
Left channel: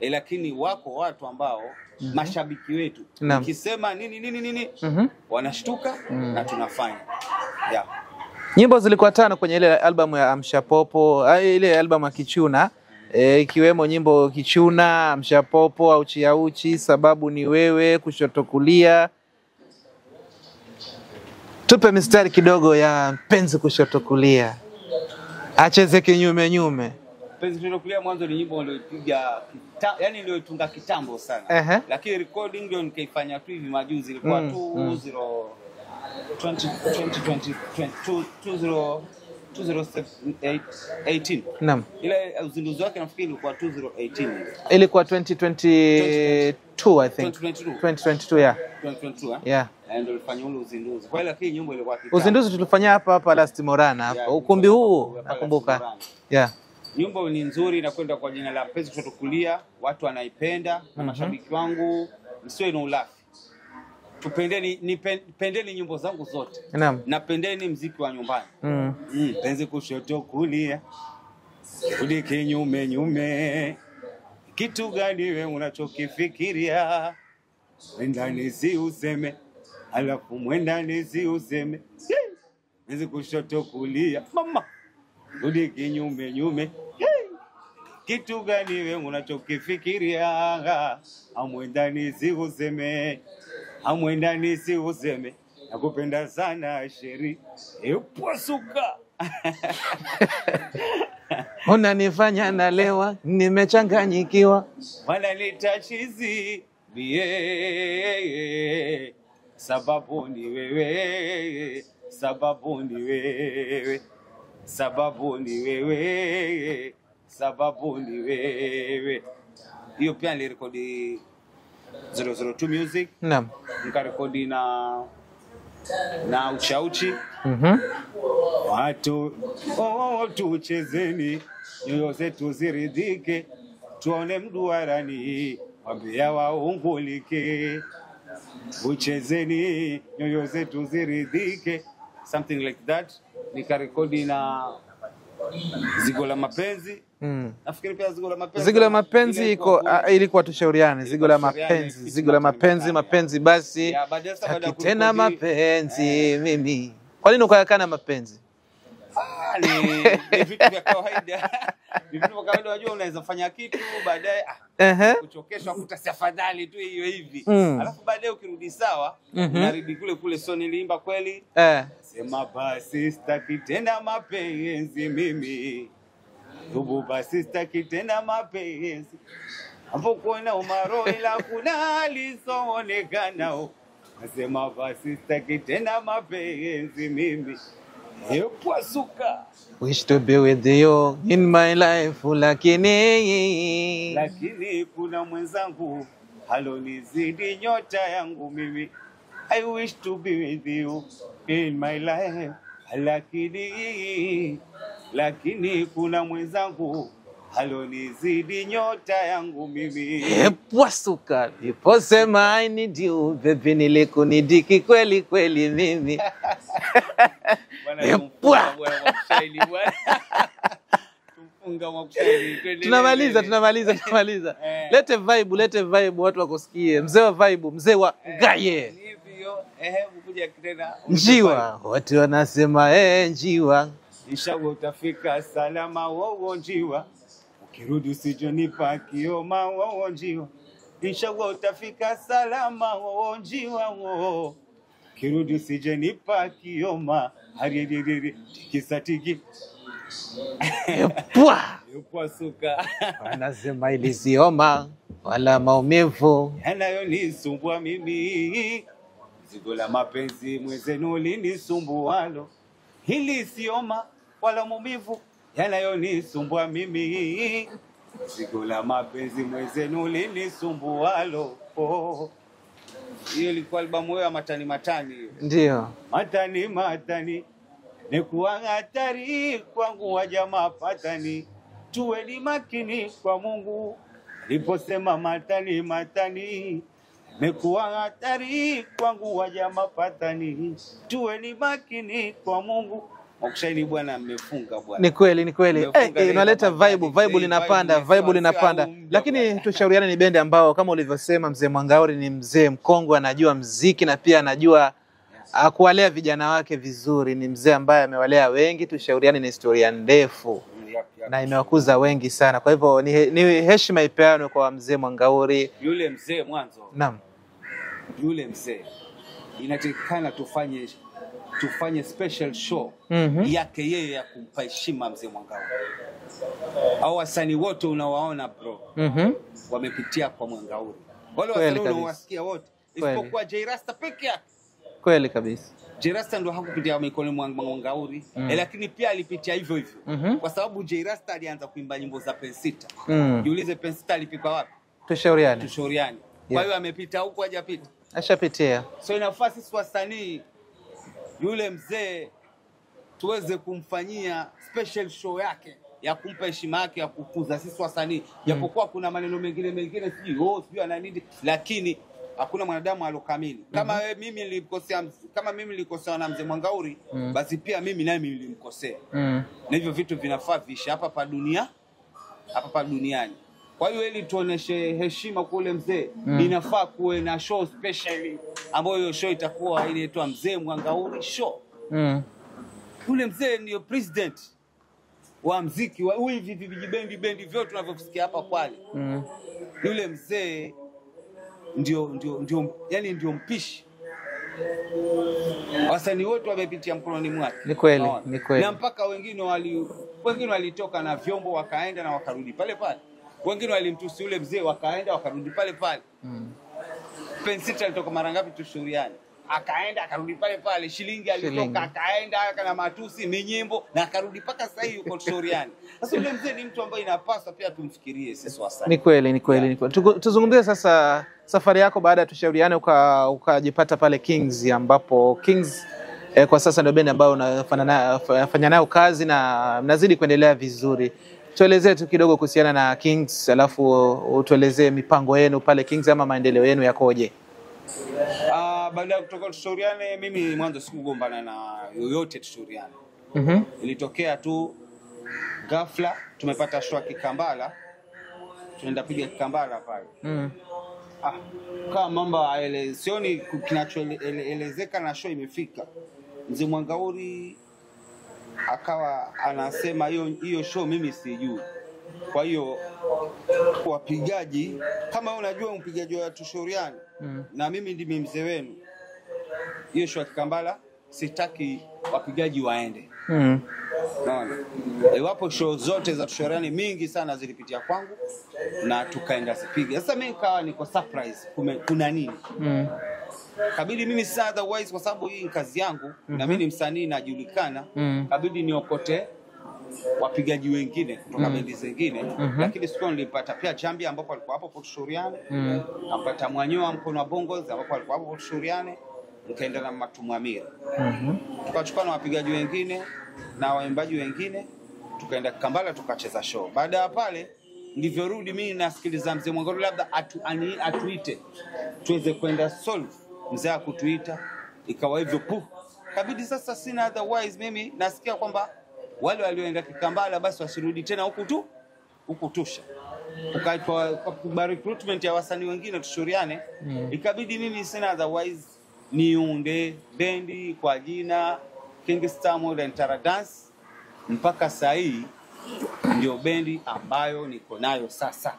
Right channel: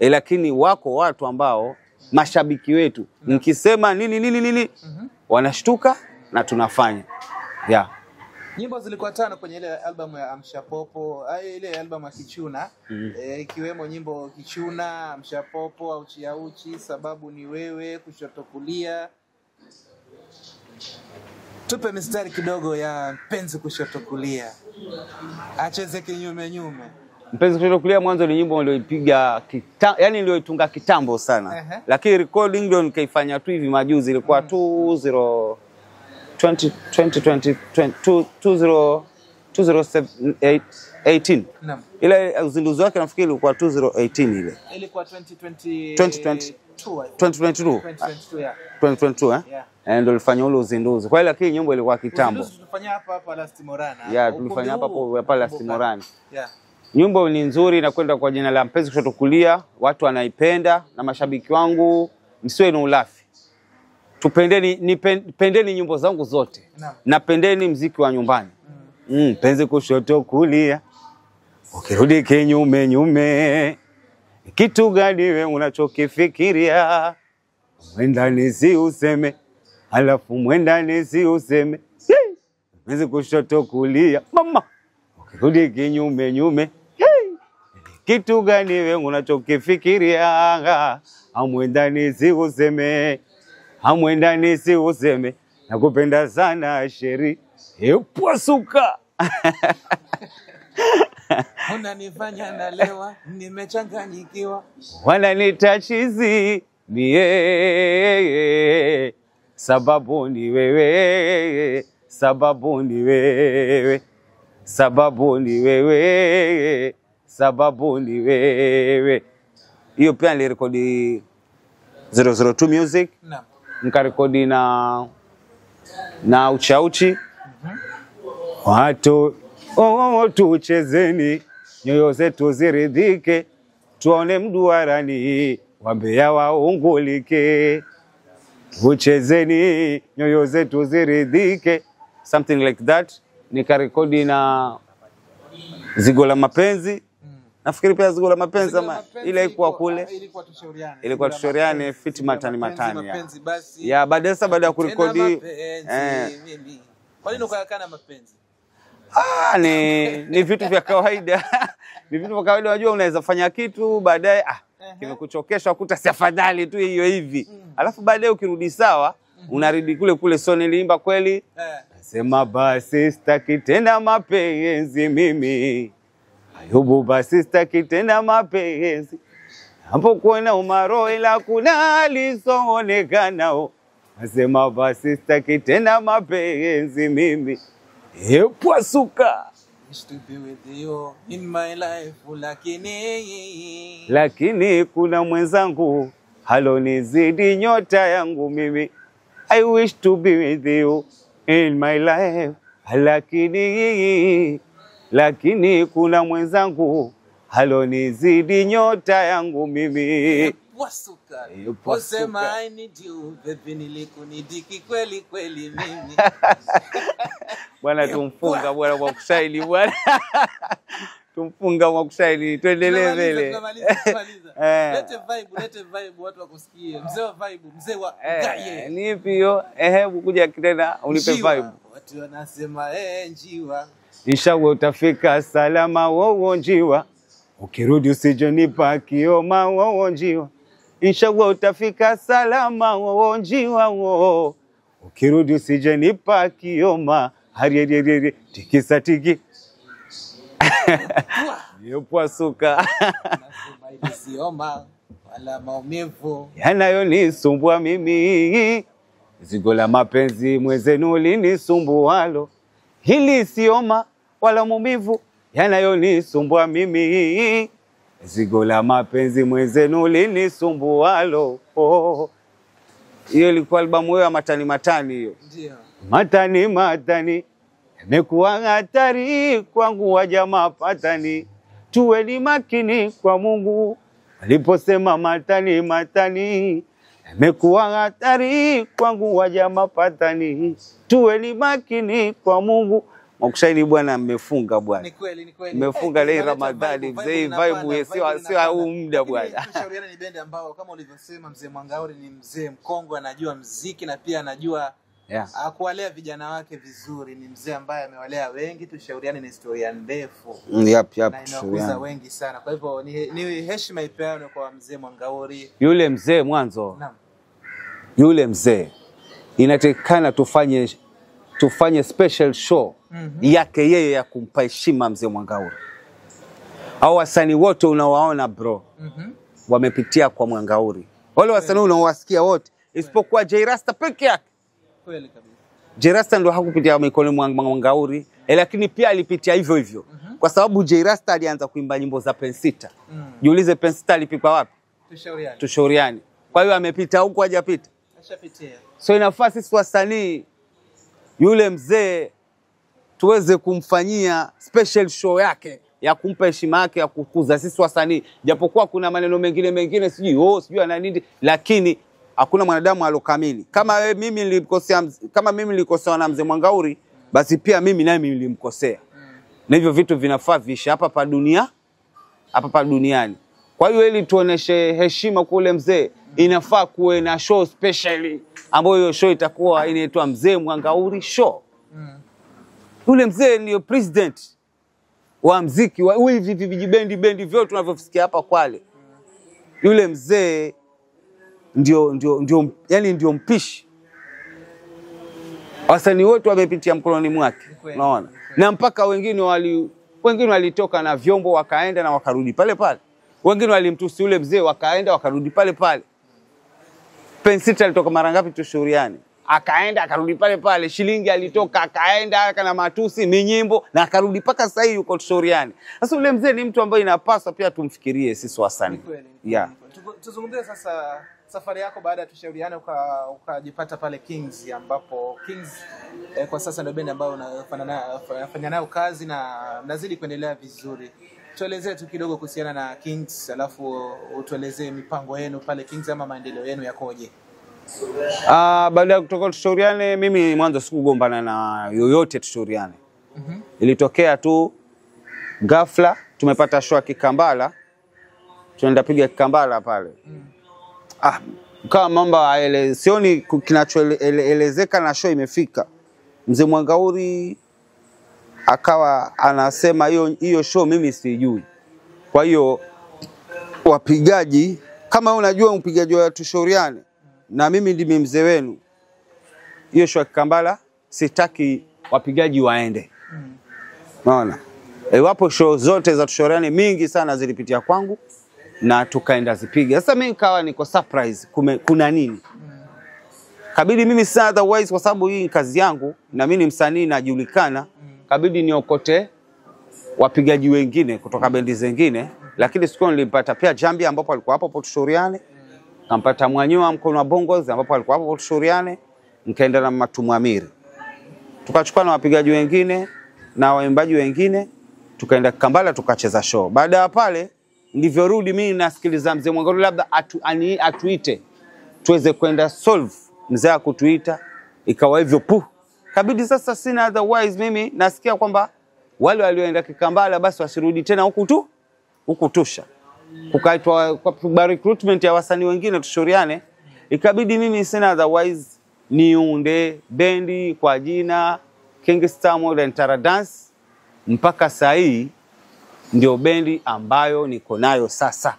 Lakini wako watu ambao mashabiki wetu nikisema nini wanashtuka na tunafanya. Nyimbo zilikuwa 5 kwenye ile album ya Amsha Popo, ile album ya Kichuna, ikiwemo nyimbo Kichuna, Amsha Popo, Auchi Auchi, Sababu ni Wewe, Kushoto Kulia. Tupe mistari kidogo ya Mpenzi Kushoto Kulia. Acheze kinyume. Mpenzi Kushoto Kulia mwanzo ni nyimbo niliyoipiga yani niliyoitunga kitambo sana. Lakini recording ndio nikaifanya tu hivi majuzi, ilikuwa 2018. Naam. Ile uzinduzi wake nafikiri ilikuwa 2018 ile. Ilikuwa 2022 I think. 2022. 2022 Yeah. Ndio nilifanya ule uzinduzi. Kwa hiyo lakini nyimbo ilikuwa kitambo. Uzinduzi tulifanya hapa Last Morana. Yeah, Ukumbi huu hapa Last Morana. Yeah. Nyimbo ni nzuri na kwenda kwa jina la Mpenzi Kushoto Kulia, watu wanaipenda na mashabiki wangu msiwe na ulafi. Pendeni nyimbo zangu zote. Naam. Na pendeni mziki wa nyumbani. Mpenzi kushoto kulia. Ukirudi kinyume nyume. Kitu gani wewe unachokifikiria? Mwendani si useme. Alafu mwendani si useme. Mpenzi kushoto kulia. Mama. Ukirudi kinyume nyume. Kitu gani wewe unachokifikiria? Amwendani si useme. Amwendani si useme. Nakupenda sana sheri. Epwasuka. Unanifanya nalewa, nimechanganyikiwa. Wananiita chizi mie. Sababu ni wewe. Sababu ni wewe. Sababu ni wewe. Sababu ni wewe. Hiyo pia nilirekodi 002 Music. Naam. Nikarekodi na Uchauchi. Watu tuchezeni, nyoyo zetu ziridhike, tuone mduarani, wambea waungulike. Tuchezeni, nyoyo zetu ziridhike, something like that. Nikarekodi na Zigo la Mapenzi. Nafikiri pia Zigo la Mapenzi. Zigo la Mapenzi ilikuwa tushauriane. Zigo la Mapenzi, Zigo la Mapenzi, mapenzi basi. Ya baada ya kurekodi tena mapenzi mimi. Kwa nini ukayakana mapenzi? Ni vitu vya kawaida. Ni vitu vya kawaida, unajua unaweza fanya kitu baadaye kuchokesha kuta si afadhali tu hiyo hivi. Alafu baadaye ukirudi sawa, unarudi kule so niliimba kweli. Sema basi sitaki tena mapenzi mimi. Ayubu basi sitaki tena mapenzi. Hapo kuona umaro ila kuna lisoonekana. Sema basi sitaki tena mapenzi mimi. Epwasuka. Wish to be with you in my life, lakini kuna mwenzangu halonizidi nyota yangu mimi. I wish to be with you in my life, lakini kuna mwenzangu halonizidi nyota yangu mimi. Epwasuka. Niposema I need you, baby nilikunidiki kweli kweli mimi. Bwana tumfunga bwana kwa kushairi bwana. Tumfunga kwa kushairi. Tunamaliza. Lete vibe watu wakusikie. Mzee wa vibe, mzee wa gaye. Nipi hiyo? Hebu kuja kitena unipe vibe. Watu wanasema njiwa. Inshallah utafika salama wowo njiwa. Ukirudi usijonipa kioma wowo njiwa. Inshallah utafika salama wowo njiwa wo. Ukirudi usijenipa kioma. Hariye tikisa tiki. Epwasuka. Wanasema ili sioma wala maumivu yanayonisumbua mimi. Zigo la mapenzi mwenzenu linisumbualo. Hili sioma wala maumivu yanayonisumbua mimi. Zigo la mapenzi mwenzenu linisumbualo. Hiyo ilikuwa albamu ya matani hiyo. Ndio. Matani. Imekuwa hatari kwangu waja mapatani. Tuweni makini kwa Mungu. Aliposema matani. Imekuwa hatari kwangu waja mapatani. Tuweni makini kwa Mungu. Mwakushaini bwana mmefunga bwana. Ni kweli. Inaleta vibe linapanda. Lakini tushauriane, ni bendi ambao kama ulivyosema Mzee Mwangauri ni mzee mkongwe, anajua muziki na pia anajua kuwalea vijana wake vizuri. Ni mzee ambaye amewalea wengi. Tushauriane ni historia ndefu. Na imewakuza wengi sana. Kwa hivyo ni heshima ipeanwe kwa Mzee Mwangauri. Yule mzee mwanzo. Naam. Yule mzee inatakikana tufanye special show yake yeye ya kumpa heshima Mzee Mwangauri. Au wasanii wote unawaona bro, wamepitia kwa Mwangauri. Wale wasanii unaowasikia wote isipokuwa J Rasta peke yake. Kweli kabisa. J Rasta ndo hakupitia mikono Mwangauri, lakini pia alipitia hivyo. Kwa sababu J Rasta alianza kuimba nyimbo za Pensita. Jiulize Pensita alipikwa wapi? Tushauriane. Kwa hiyo amepita huko hajapita. Ashapitia. So inafaa sisi wasanii yule mzee tuweze kumfanyia special show yake ya kumpa heshima yake ya kukuza sisi wasanii. Japokuwa kuna maneno mengine sijui ana nini, lakini hakuna mwanadamu alokamili. Kama mimi nilikosea na mzee Mwangauri, basi pia mimi naye nilimkosea. Na hivyo vitu vinafaa vishi hapa pa duniani. Kwa hiyo ili tuoneshe heshima kwa ule mzee, inafaa kuwe na show specially ambayo hiyo show itakuwa inaitwa Mzee Mwangauri Show. Yule mzee ndio president wa muziki wa hivi vijibendi vyote tunavyosikia hapa Kwale. Yule mzee ndio mpishi. Wasanii wote wamepitia mkononi mwake. Ni kweli. Na mpaka wengine walitoka na vyombo wakaenda na wakarudi pale pale. Wengine walimtusi yule mzee wakaenda wakarudi pale pale. Pensita alitoka mara ngapi Tushauriane? Akaenda akarudi pale pale. Shilingi alitoka akaenda kana matusi minyimbo na akarudi paka sasa hivi yuko Tushauriane. Sasa yule mzee ni mtu ambaye inapaswa pia tumfikirie sisi wasanii. Ni kweli. Tuzungumzie sasa safari yako baada ya Tushauriane ukajipata pale Kings, ambapo Kings kwa sasa ndio bendi ambayo unafanya nayo kazi na mnazidi kuendelea vizuri. Tuelezee tu kidogo kuhusiana na Kings, alafu utuelezee mipango yenu pale Kings ama maendeleo yenu yakoje. Baada ya kutoka Tushauriane, mimi mwanzo sikugombana na yoyote Tushauriane. Ilitokea tu ghafla tumepata show Kikambala. Tunaenda piga Kikambala pale. Kama mambo sioni kinachoelezeka na show imefika. Mzee Mwangauri akawa anasema hiyo show mimi sijui. Kwa hiyo wapigaji, kama unajua mpigaji wa Tushauriane na mimi ndimi mzee wenu, hiyo show Kikambala sitaki wapigaji waende. Unaona? Wapo show zote za Tushauriane mingi sana zilipitia kwangu na tukaenda zipiga. Sasa mimi nikawa niko surprise kuna nini? Kabidi mimi sasa otherwise kwa sababu hii kazi yangu na mimi ni msanii najulikana, kabidi niokote wapigaji wengine kutoka bendi zingine, lakini siku nilipata pia Jambi ambapo alikuwa hapo Tushauriane, kampata Mwanyoa Mkono wa Bongozi ambapo alikuwa hapo Tushauriane, nikaenda na Matumwamiri. Tukachukua na wapigaji wengine na waimbaji wengine, tukaenda Kambala tukacheza show. Baada ya pale nilivyorudi mimi nasikiliza mzee Mwangauri labda atuite tuweze kwenda solve. Mzee akutuita ikawa hivyo kabidi sasa sina otherwise mimi nasikia kwamba wale walioenda Kikambala basi wasirudi tena huku Tusha. Ukaitwa kwa recruitment ya wasanii wengine Tushauriane, ikabidi mimi sina otherwise niunde bendi kwa jina Kingstar Modern Tara Dance. Mpaka saa hii ndio bendi ambayo niko nayo sasa.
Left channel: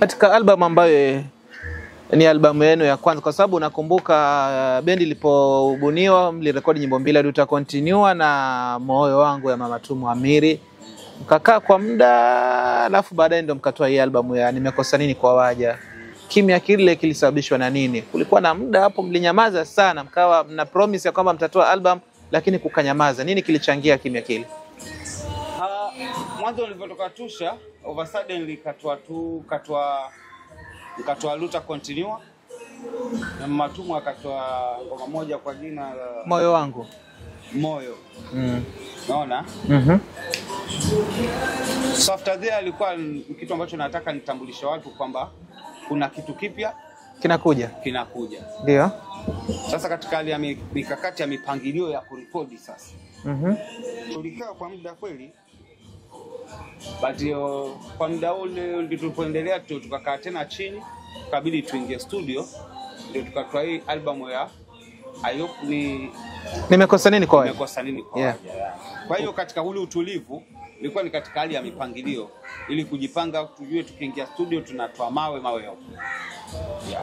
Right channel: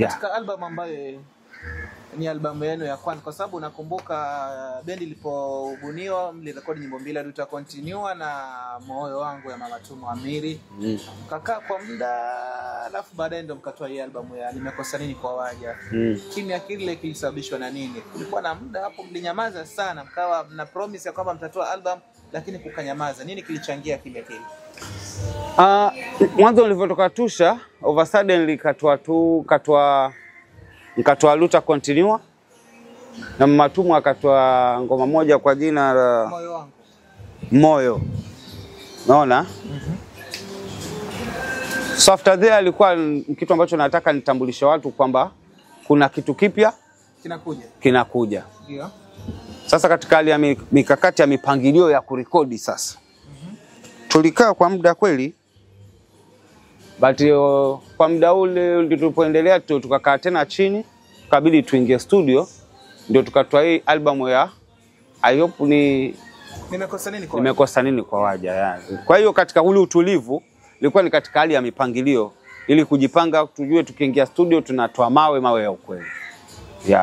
Katika album ambayo ni albamu yenu ya kwanza, kwa sababu nakumbuka bendi ilipobuniwa mlirekodi nyimbo mbili, Duta Continue na Moyo Wangu ya Mama Tumwamiri. Kakaa kwa muda alafu baadaye ndio mkatoa hii albamu ya Nimekosa Nini kwa Waja. Kimya kile kilisababishwa na nini? Kulikuwa na muda hapo mlinyamaza sana, mkawa mna promise ya kwamba mtatoa album lakini kukanyamaza. Nini kilichangia kimya kile? Mwanzo nilipotoka Tusha, over sudden nikatoa Duta Continue na Matumu akatoa ngoma moja kwa jina la Moyo Wangu. Moyo. Naona? So after there alikuwa kitu ambacho nataka nitambulishe watu kwamba kuna kitu kipya kinakuja. Ndio. Sasa katika hali ya mikakati ya mipangilio ya kurekodi sasa. Tulikaa kwa muda kweli. But kwa muda ule ndio tulipoendelea tukakaa tena chini, kabidi tuingie studio ndio tukatoa hii albamu ya I hope Nimekosa Nini kwa Waja. Nimekosa Nini kwa Waja yani. Kwa hiyo katika ule utulivu ilikuwa ni katika hali ya mipangilio ili kujipanga tujue tukiingia studio tunatoa mawe ya ukweli.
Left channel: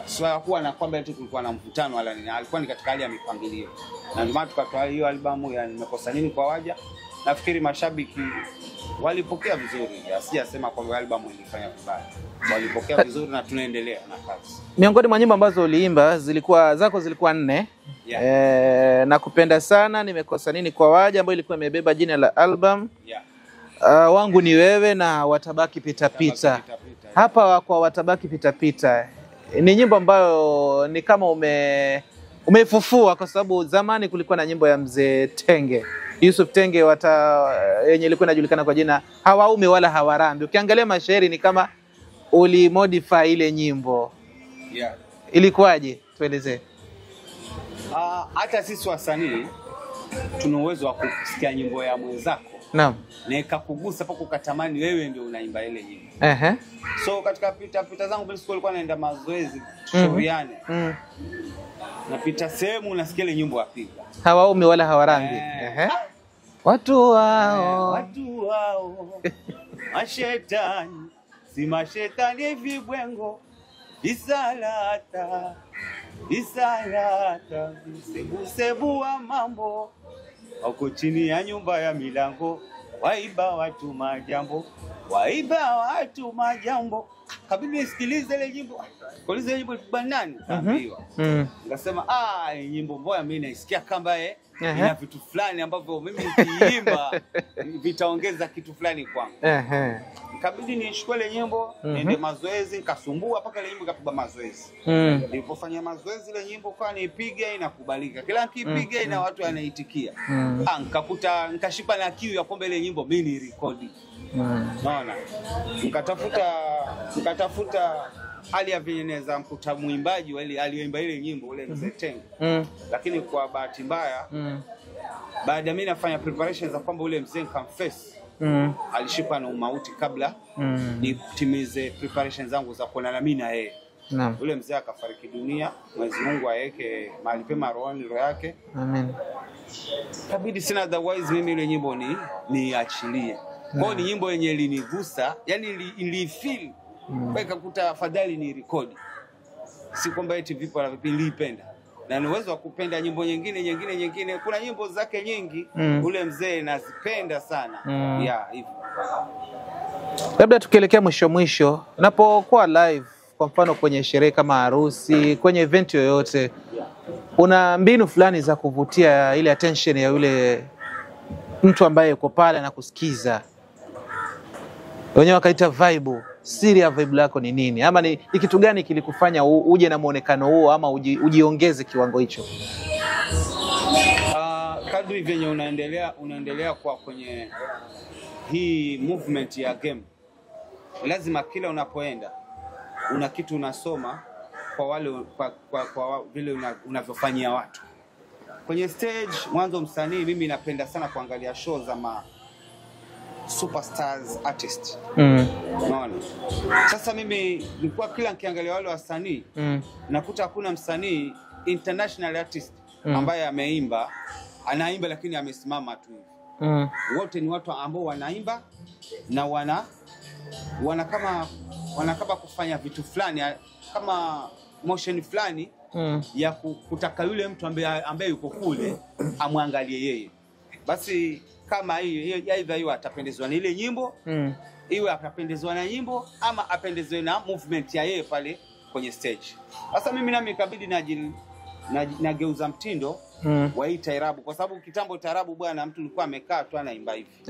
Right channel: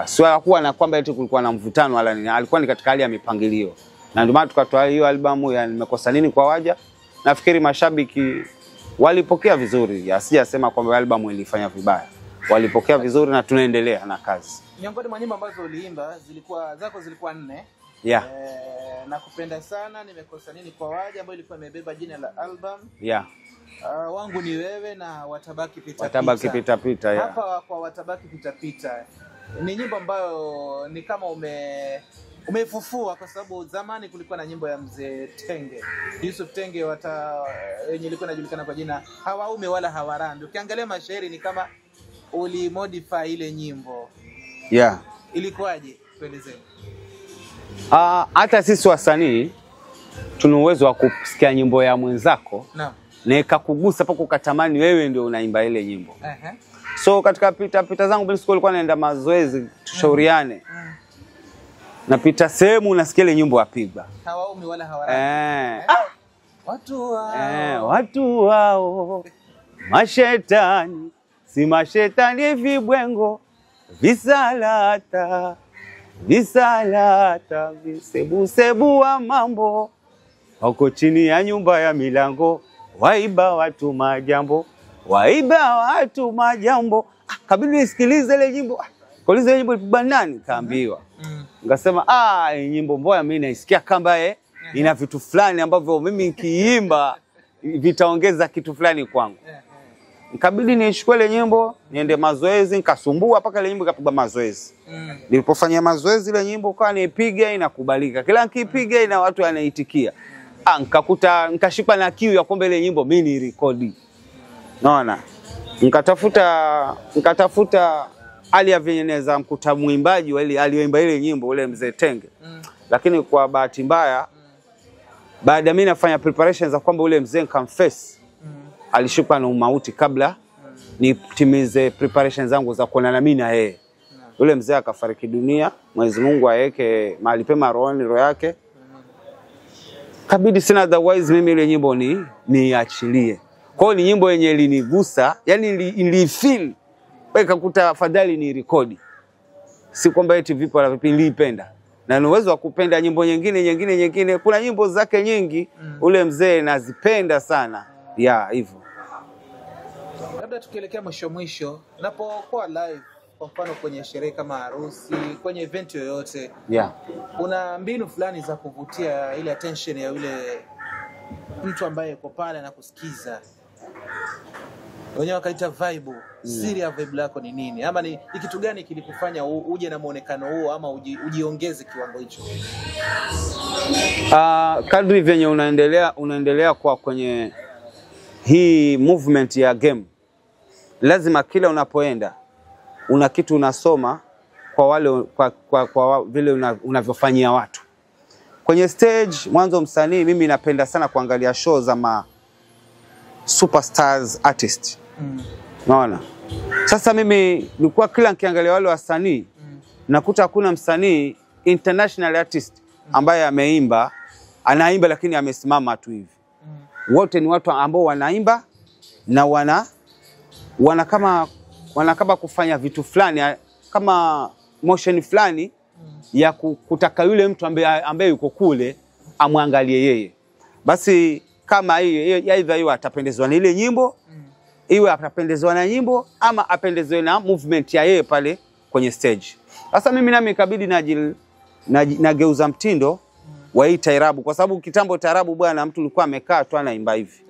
Sio hakuwa na kwamba eti kulikuwa na mvutano wala nini, alikuwa ni katika hali ya mipangilio. Na ndio maana tukatoa hiyo albamu ya Nimekosa Nini kwa Waja. Nafikiri mashabiki walipokea vizuri. Sijasema kwamba albamu ilifanya vibaya. Walipokea vizuri na tunaendelea na kazi. Miongoni mwa nyimbo ambazo uliimba zilikuwa 4. Nakupenda Sana, Nimekosa Nini kwa Waja ambayo ilikuwa imebeba jina la album. Wangu Ni Wewe na Watabaki Pita Pita. Watabaki Pita Pita. Hapa kwa Watabaki Pita Pita ni nyimbo ambayo ni kama umefufua, kwa sababu zamani kulikuwa na nyimbo ya Mzee Tenge, Yusuf Tenge, yenye ilikuwa inajulikana kwa jina Hawaume Wala Hawarambi. Ukiangalia mashairi ni kama ulimodify ile nyimbo. Yeah. Ilikuwaje? Tuelezee. Hata sisi wasanii tuna uwezo wa kusikia nyimbo ya mwenzako. Naam. Na ikakugusa pako ukatamani wewe ndio unaimba ile nyimbo. So katika pita zangu bila school nilikuwa naenda mazoezi tushauriane. Napita sehemu nasikia ile nyimbo yapigwa. Hawaume Wala Hawarambi. Watu wao, watu wao. Mashetani, si mashetani vibwengo. Visalata, visebu wa mambo. Wako chini ya nyumba ya milango. Waiba watu majambo. Kabidi nisikilize ile nyimbo. Kauliza ile nyimbo ilipigwa nani? Kaambiwa. Ngasema nyimbo mbaya mimi naisikia kamba ina vitu fulani ambavyo mimi nikiimba vitaongeza kitu fulani kwangu. Kabidi nichukue ile nyimbo niende mazoezi, nikasumbua mpaka ile nyimbo ikapigwa mazoezi. Nilipofanya mazoezi ile nyimbo kwa nipiga inakubalika. Kila nikipiga ina watu wanaitikia. Nikashikwa na kiu ya kwamba ile nyimbo mimi ni rekodi. Naona. Nikatafuta hali ya venyeneza mkuta muimbaji wale alioimba ile nyimbo ule Mzee Tenge. Lakini kwa bahati mbaya baada mimi nafanya preparations za kwamba ule mzee confess alishikwa na umauti kabla nitimize preparations zangu za kuonana mimi na yeye. Ule mzee akafariki dunia, Mwenyezi Mungu aweke mahali pema roho yake. Amen. Kabidi sina otherwise mimi ile nyimbo niachilie. Kwa hiyo ni nyimbo yenye ilinigusa, yani nilifeel. Ikakuta afadhali ni rekodi. Si kwamba eti vipo na vipi, nilipenda. Na ni uwezo wa kupenda nyimbo nyingine. Kuna nyimbo zake nyingi ule mzee nazipenda sana. Hivyo. Labda tukielekea mwisho, unapokuwa live kwa mfano kwenye sherehe kama harusi, kwenye event yoyote, una mbinu fulani za kuvutia ile attention ya yule mtu ambaye yuko pale na kusikiza. Wenyewe wakaita vibe. Siri ya vibe lako ni nini? Ama ni kitu gani kilikufanya uje na muonekano huo ama ujiongeze kiwango hicho? Kadri venye unaendelea kwa kwenye hii movement ya game, lazima kila unapoenda una kitu unasoma kwa wale kwa vile unavyofanyia watu. Kwenye stage mwanzo msanii mimi napenda sana kuangalia show za superstars artist. Unaona? Sasa mimi nilikuwa kila nikiangalia wale wasanii nakuta hakuna msanii international artist ambaye anaimba lakini amesimama tu hivi. Wote ni watu ambao wanaimba na wana kama kufanya vitu fulani kama motion fulani ya kutaka yule mtu ambaye yuko kule amwangalie yeye. Basi kama aidha hiyo atapendezwa na ile nyimbo, iwe atapendezwa na nyimbo ama apendezwe na movement ya yeye pale kwenye stage. Sasa mimi nami ikabidi nageuza mtindo wa hii taarabu, kwa sababu kitambo taarabu bwana mtu alikuwa amekaa tu anaimba hivi.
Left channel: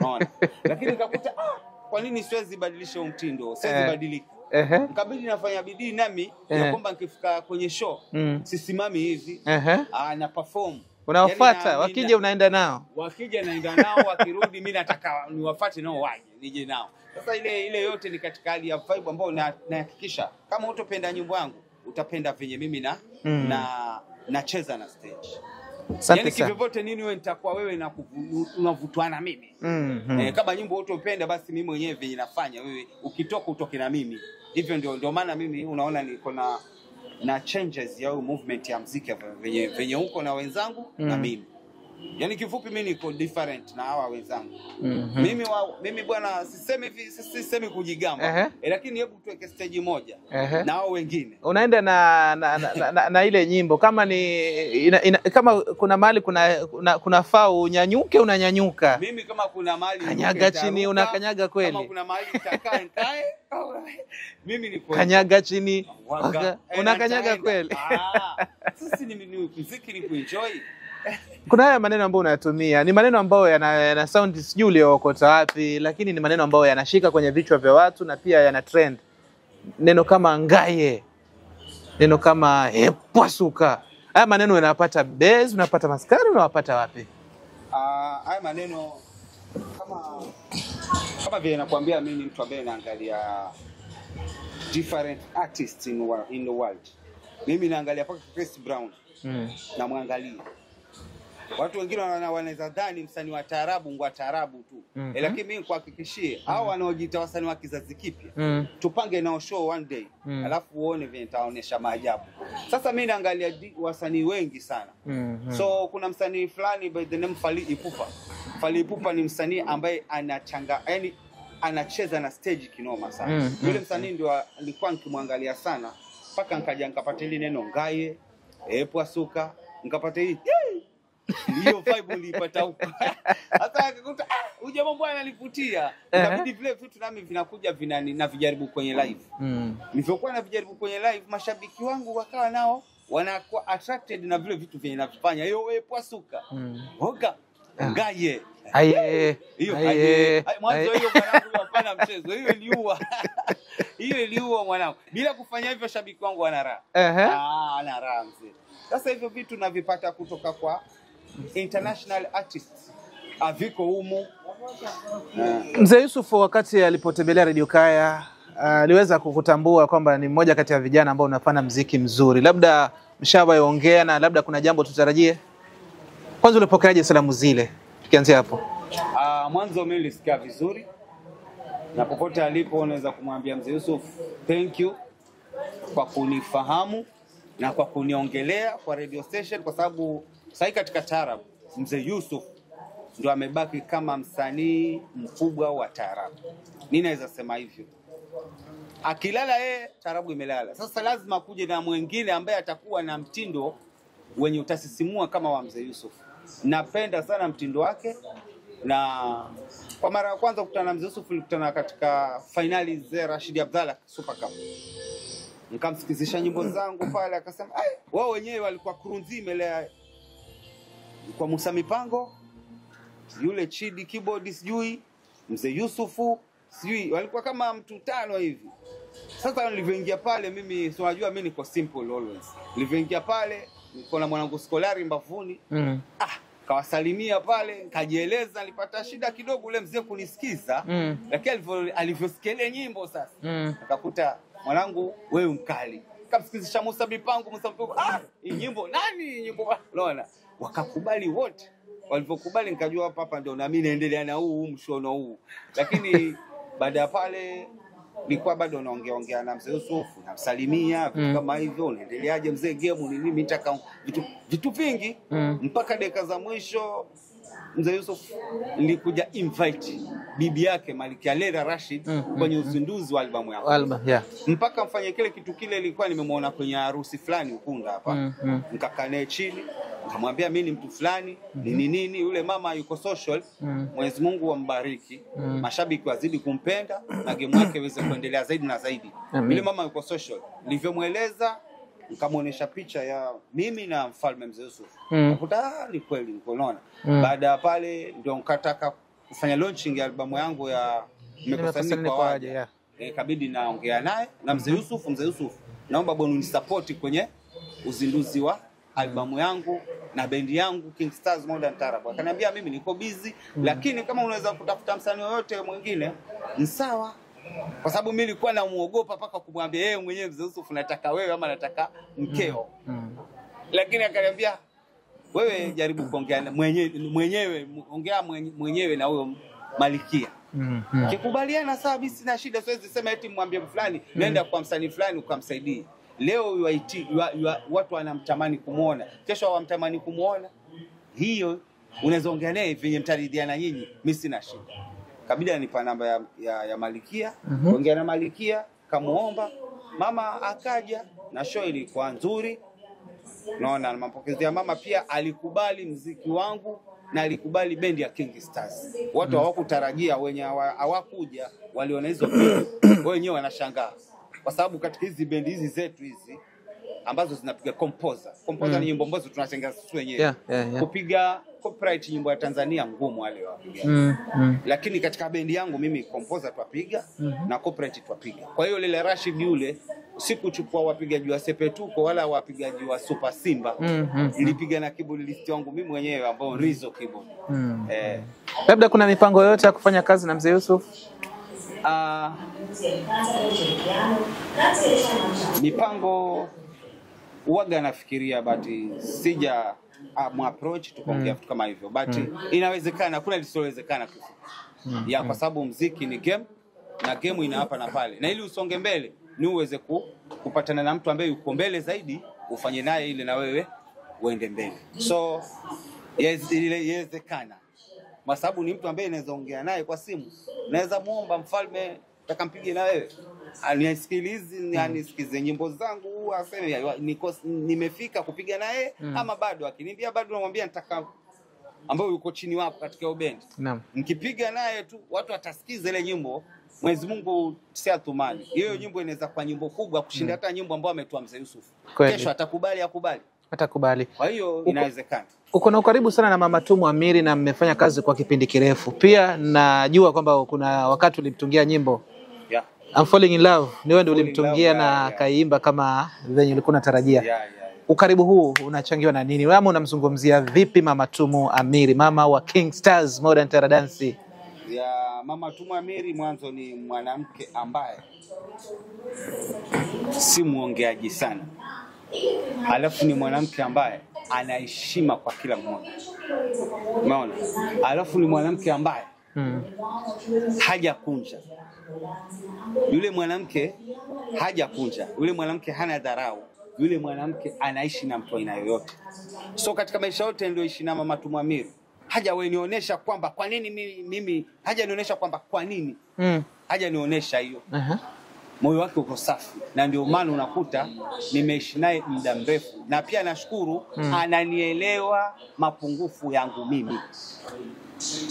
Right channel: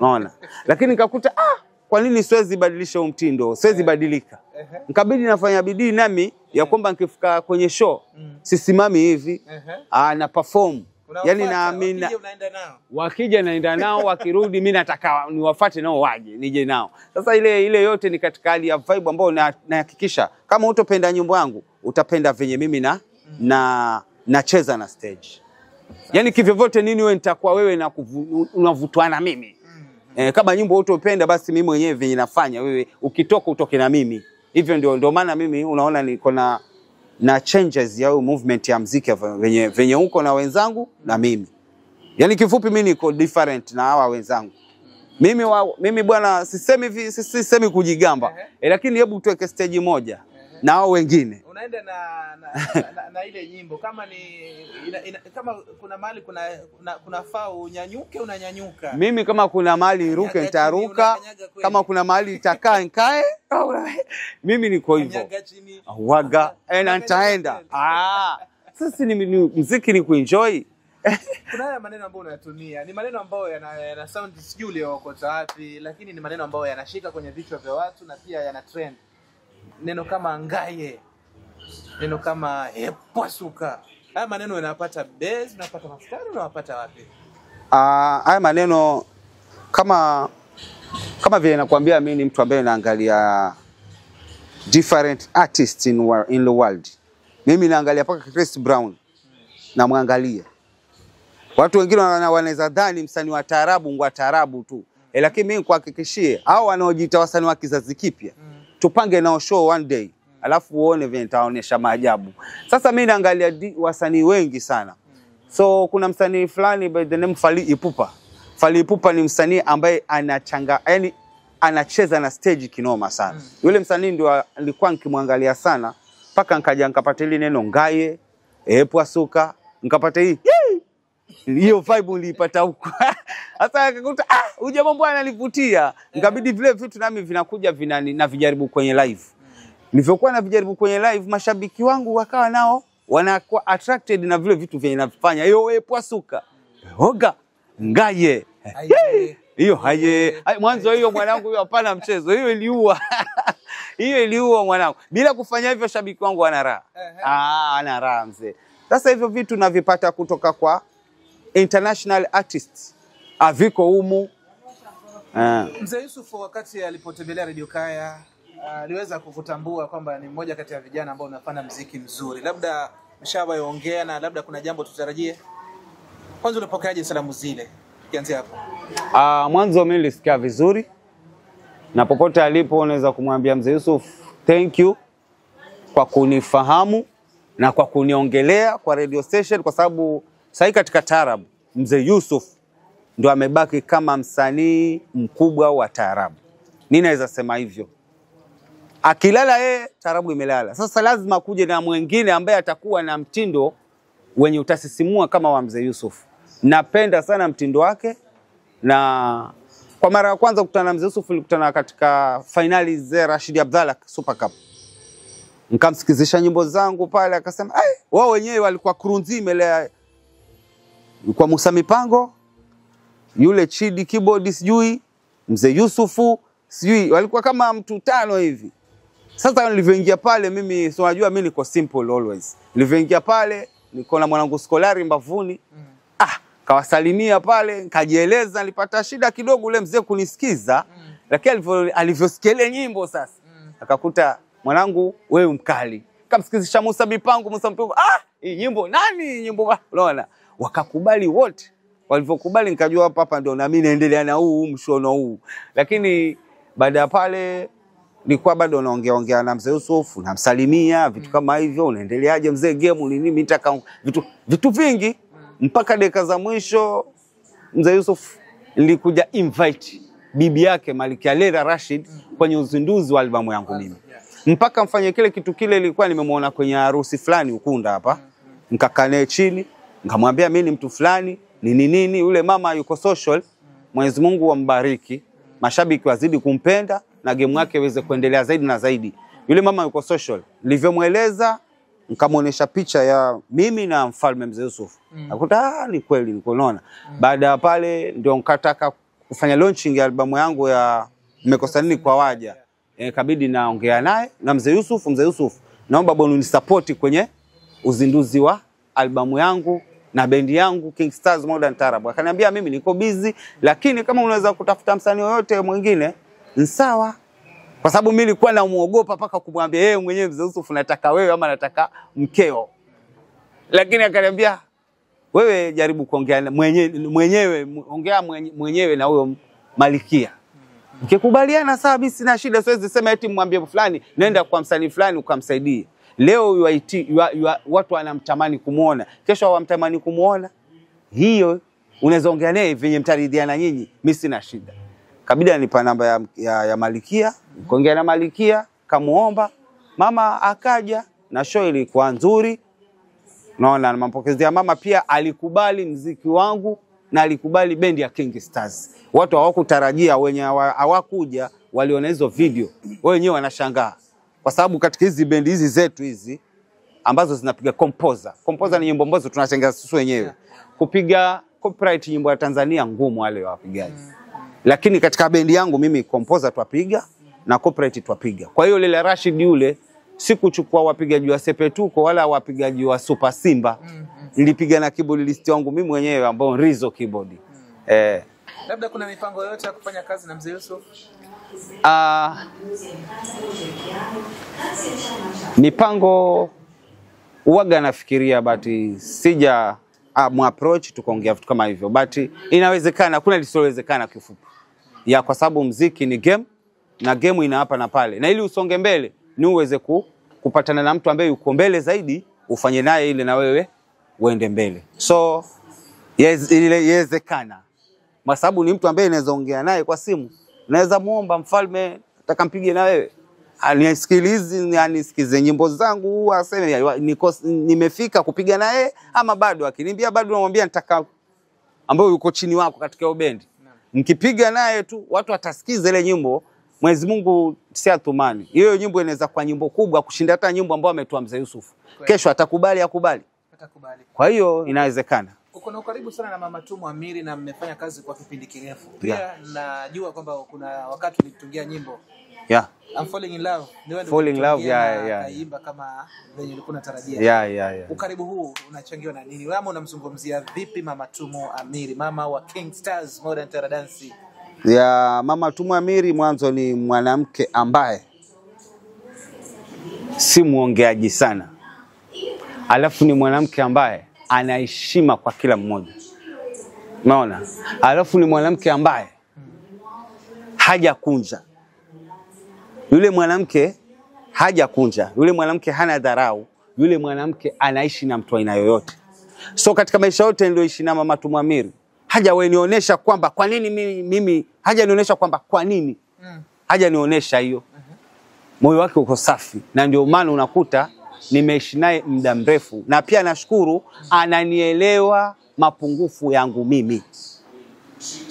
Unaona? Lakini nikakuta kwa nini siwezi badilisha mtindo? Siwezi badilika. Nikabidi nafanya bidii nami ya kwamba nikifika kwenye show sisimami hivi. Na perform. Unawafuata, wakija unaenda nao. Wakija naenda nao, wakirudi mimi nataka niwafuate nao waje, nije nao. Sasa ile yote ni katika hali ya vibe ambayo nahakikisha kama utopenda nyimbo yangu, utapenda venye mimi nacheza na stage. Yani kivyovyote nini wewe nitakuwa wewe na unavutwa na mimi. Kama nyimbo utopenda basi mimi mwenyewe venye nafanya wewe ukitoka utoke na mimi. Hivyo ndio maana mimi unaona niko na changes ya movement ya muziki venye huko na wenzangu na mimi. Yani kifupi mimi niko different na hawa wenzangu. Mimi bwana sisemi kujigamba. Lakini hebu tuweke stage moja na hao wengine. Unaenda na ile nyimbo kama kama kuna mahali kuna faa unyanyuke unanyanyuka. Mimi kama kuna mahali niruke nitaruka. Kama kuna mahali itakaa nikae. Mimi niko kanyaga chini waga nitaenda. Sasa ni muziki ni kuenjoy. Kuna haya maneno ambayo unayatumia, ni maneno ambayo yana sound sijui uliokota wapi, lakini ni maneno ambayo yanashika kwenye vichwa vya watu na pia yana trend. Neno kama ngaye, Neno kama pwasuka. Haya maneno unapata base, unapata maskari, unapata wapi? Haya maneno kama vile nakwambia mimi ni mtu ambaye naangalia different artists in the world. Mimi naangalia paka Chris Brown. Na muangalia. Watu wengine wanaweza dhani msanii wa taarabu ngwa taarabu tu. Lakini mimi kuhakikishie hao wanaojiita wasanii wa kizazi kipya. Tupange nao show one day. Alafu uone vile nitaonyesha maajabu. Sasa mimi naangalia wasanii wengi sana. So kuna msanii fulani by the name Fally Ipupa. Fally Ipupa ni msanii ambaye yani anacheza na stage kinoma sana. Yule msanii ndio alikuwa nikimwangalia sana paka nikaja nikapata ile neno ngaye, pwasuka, nikapata hii. Hiyo vibe nilipata huko. Sasa akakuta huyu mambo ananivutia. Nikabidi vile vitu nami vinakuja na vijaribu kwenye live. Nilivyokuwa na vijaribu kwenye live, mashabiki wangu wakawa nao wanakuwa attracted na vile vitu vyenye nafanya. Hiyo pwasuka. Hoga ngaye. Hiyo haye. Mwanzo hiyo mwanangu hiyo hapana mchezo. Hiyo iliua. Hiyo iliua mwanangu. Bila kufanya hivyo shabiki wangu ana raha. Ana raha mzee. Sasa hivyo vitu navipata kutoka kwa international artists. Aviko humu. Mzee Yusuf wakati alipotembelea Radio Kaya aliweza kukutambua kwamba ni mmoja kati ya vijana ambao unafanya muziki mzuri. Labda mshawaongea na labda kuna jambo tutarajie. Kwanza ulipokeaje salamu zile? Tukianzia hapo. Mwanzo mimi nilisikia vizuri. Na popote alipo unaweza kumwambia Mzee Yusuf, thank you kwa kunifahamu na kwa kuniongelea kwa radio station, kwa sababu sasa katika taarabu Mzee Yusuf ndo amebaki kama msanii mkubwa wa taarabu. Mimi naweza sema hivyo. Akilala taarabu imelala. Sasa lazima kuje na mwingine ambaye atakuwa na mtindo wenye utasisimua kama wa Mzee Yusuf. Napenda sana mtindo wake, na kwa mara ya kwanza kukutana na Mzee Yusuf nilikutana katika finali za Rashid Abdalla Super Cup. Nikamsikizisha nyimbo zangu pale, akasema wao wenyewe walikuwa crew nzima ile kwa Musa Mipango, yule Chidi keyboard sijui, Mzee Yusufu sijui, walikuwa kama mtu 5 hivi. Sasa nilivyoingia pale mimi si unajua mimi niko simple always. Nilivyoingia pale niko na mwanangu Skolari mbavuni. Kawasalimia pale, kajieleza, nilipata shida kidogo ule mzee kunisikiza, lakini alivyosikia ile nyimbo sasa, akakuta mwanangu wewe mkali. Kamsikizisha Musa Mipango, hii nyimbo nani nyimbo unaona? Wakakubali wote. Walivyokubali nikajua hapa ndio na mimi naendelea na huu mshono huu. Lakini baada ya pale nilikuwa bado naongea na Mzee Yusuf, namsalimia vitu kama hivyo, unaendeleaje mzee game ni nini, nitaka vitu vingi mpaka dakika za mwisho. Mzee Yusuf nilikuja invite bibi yake Malikia Lera Rashid kwenye uzinduzi wa albamu yangu. Mpaka mfanye kile kitu kile ilikuwa nimemuona kwenye harusi fulani Ukunda hapa. Nikakaa naye chini, nikamwambia mimi ni mtu fulani, nini yule mama yuko social. Mwenyezi Mungu ambariki. Mashabiki wazidi kumpenda na game yake iweze kuendelea zaidi na zaidi. Yule mama yuko social. Nilivyomueleza nikamuonesha picha ya mimi na mfalme Mzee Yusuf. Nakuta ni kweli niko naona. Baada ya pale ndio nikataka kufanya launching ya albamu yangu ya Mmekosa Nini kwa Waja. Kabidi naongea naye na Mzee Yusuf. Mzee Yusuf, naomba bwana unisupport kwenye uzinduzi wa albamu yangu na bendi yangu King Stars Modern Taarab. Akaniambia mimi niko busy, lakini kama unaweza kutafuta msanii yoyote mwingine ni sawa. Kwa sababu mimi nilikuwa namuogopa paka kumwambia yeye mwenyewe Mzee Yusuf nataka wewe ama nataka mkeo. Lakini akaniambia wewe jaribu kuongea mwenyewe ongea mwenyewe na huyo Malikia. Kikubaliana sawa, bisi sina shida, siwezi sema eti mwambie fulani nenda kwa msanii fulani ukamsaidie. Leo watu wanamtamani kumuona, kesho hawamtamani kumuona. Hiyo unaweza ongea naye venye mtaridhiana nyinyi, mimi sina shida. Kabidi anipa namba ya Malikia, kuongea na Malikia, kamuomba, mama akaja na show ilikuwa nzuri. Naona mapokezi ya mama pia alikubali muziki wangu na alikubali bendi ya King Stars. Watu hawakutarajia, wenye hawakuja waliona hizo video. Wenyewe wanashangaa. Kwa sababu katika hizi bendi hizi zetu hizi ambazo zinapiga composer ni nyimbo ambazo tunachenga sisi wenyewe. Kupiga copyright nyimbo ya Tanzania ngumu wale wapigaji. Lakini katika bendi yangu mimi composer twapiga na copyright twapiga. Kwa hiyo Lele Rashid yule sikuchukua wapigaji wa Sepetuko wala wapigaji wa Super Simba. Nilipiga na keyboard list wangu mimi mwenyewe ambao Rizzo keyboard. Labda kuna mipango yote ya kufanya kazi na Mzee Yusuf? Mipango uwaga nafikiria, but sija approach tukaongea vitu kama hivyo, but inawezekana, kuna lisilowezekana kifupi. Kwa sababu muziki ni game, na game ina hapa na pale, na ili usonge mbele ni uweze kupatana na mtu ambaye yuko mbele zaidi, ufanye naye ile na wewe uende mbele. So yawezekana, kwa sababu ni mtu ambaye naweza ongea naye kwa simu, naweza muomba mfalme nataka mpige na wewe, anisikize nyimbo zangu, aseme nimefika kupiga naye ama bado. Akiniambia bado, namwambia nataka ambao yuko chini wako katika bendi. Mkipiga naye tu watu watasikiza ile nyimbo, Mwenyezi Mungu si atumani. Hiyo nyimbo inaweza kuwa nyimbo kubwa kushinda hata nyimbo ambayo ametoa Mzee Yusuf. Kesho atakubali. Kwa hiyo inawezekana. Uko na ukaribu sana na Mama Tumu Amiri na mmefanya kazi kwa kipindi kirefu. Pia najua kwamba kuna wakati ulimtungia nyimbo. I'm falling in love. Ni wewe ndio ulimtungia na kaimba kama venye ulikuwa unatarajia. Ukaribu huu unachangiwa na nini? Wewe unamzungumzia vipi Mama Tumu Amiri, mama wa King Stars Modern Terra Dance? Mama Tumu Amiri mwanzo ni mwanamke ambaye si muongeaji sana. Alafu ni mwanamke ambaye ana heshima kwa kila mmoja. Umeona? Alafu ni mwanamke ambaye hajakunja. Yule mwanamke hajakunja. Yule mwanamke hana dharau. Yule mwanamke anaishi na mtu aina yoyote. So katika maisha yote nilioishi na Mama Tumu Amiri, hajanionyesha kwamba kwa nini mimi hajanionyesha kwamba kwa nini. Hajanionyesha hiyo. Moyo wake uko safi, na ndio maana unakuta nimeishi naye muda mrefu, na pia nashukuru ananielewa mapungufu yangu mimi.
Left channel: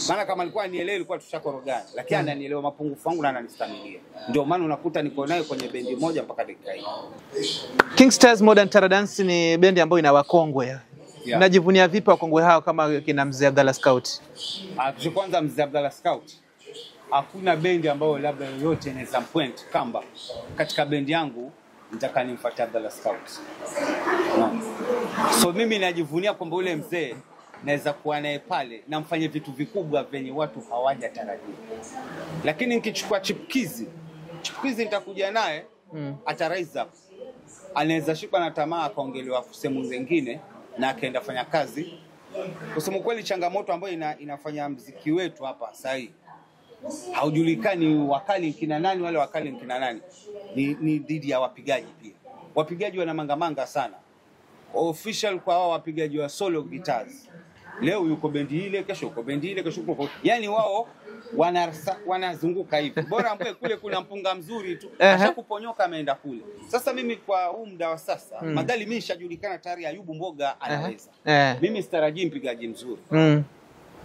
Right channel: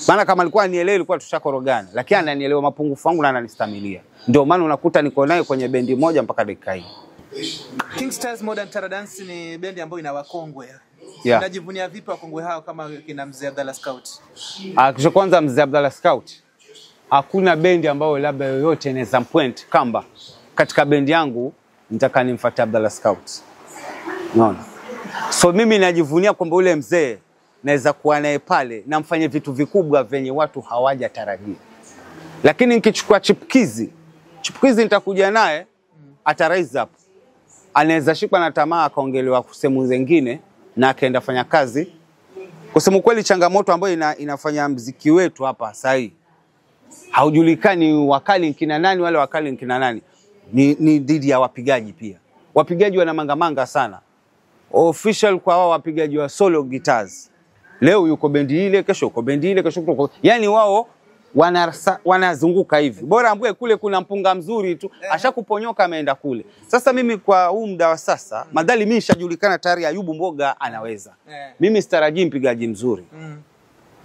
Maana kama alikuwa anielewi ilikuwa tushakorogana, lakini ananielewa mapungufu yangu na ananistamilia. Ndio maana unakuta niko naye kwenye bendi moja mpaka dakika hii. King Stars Modern Terra Dance ni bendi ambayo ina wakongwe. Unajivunia vipi wakongwe hao kama kina Mzee Abdalla Scout? Kisha kwanza Mzee Abdalla Scout, hakuna bendi ambayo labda yoyote inaweza point kamba katika bendi yangu nitaka nimfuate Abdalla Scout. So mimi najivunia kwamba ule mzee naweza kuwa naye pale na mfanye vitu vikubwa venye watu hawajatarajia. Lakini nikichukua chipkizi nitakuja naye atarise up. Anaweza shikwa na tamaa akaongelewa sehemu zingine na akaenda fanya kazi. Kusema kweli, changamoto ambayo inafanya muziki wetu hapa sasa hivi, haujulikani wakali kina nani wale wakali kina nani. Ni dhidi ya wapigaji pia. Wapigaji wana mangamanga sana. Official kwa wao wapigaji wa solo guitars. Leo yuko bendi ile, kesho yuko bendi ile, kesho yuko. Yaani wao wanazunguka hivi. Bora ambaye kule kuna mpunga mzuri tu, ashakuponyoka ameenda kule. Sasa mimi kwa huu muda wa sasa, madhali mimi nishajulikana tayari Ayubu Mboga anaweza. Mimi sitarajii mpigaji mzuri.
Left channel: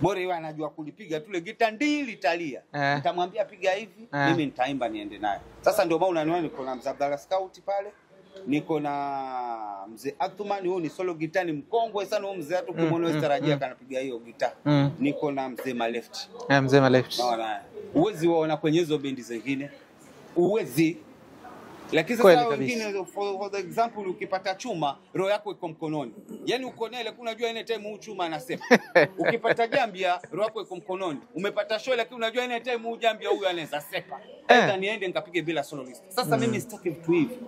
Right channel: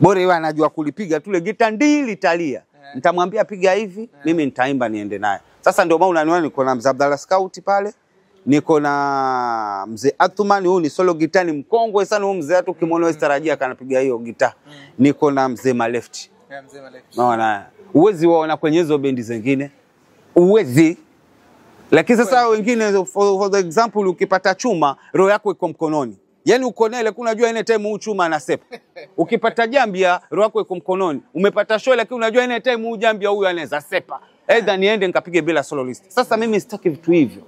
Bora yeye anajua kulipiga tule gita ndili talia. Nitamwambia piga hivi, mimi nitaimba niende naye. Sasa ndio maana unaniona niko na Mzee Abdalla Scout pale. Niko na Mzee Athumani, huyu ni solo gitani mkongwe sana huyu mzee, hata ukimwona sitarajia kanapiga hiyo gita. Niko na Mzee Malefti. Mzee Malefti. Naona uwezi waona kwenye hizo bendi zingine. Uwezi. Lakini sasa wengine for the example, ukipata chuma roho yako iko mkononi. Yaani uko naye lakini unajua ile time huu chuma anasepa. Ukipata jambia roho yako iko mkononi. Umepata show lakini unajua ile time huu jambia huyu anaweza sepa. Aidha niende nikapige bila soloist. Sasa mimi sitaki vitu hivyo.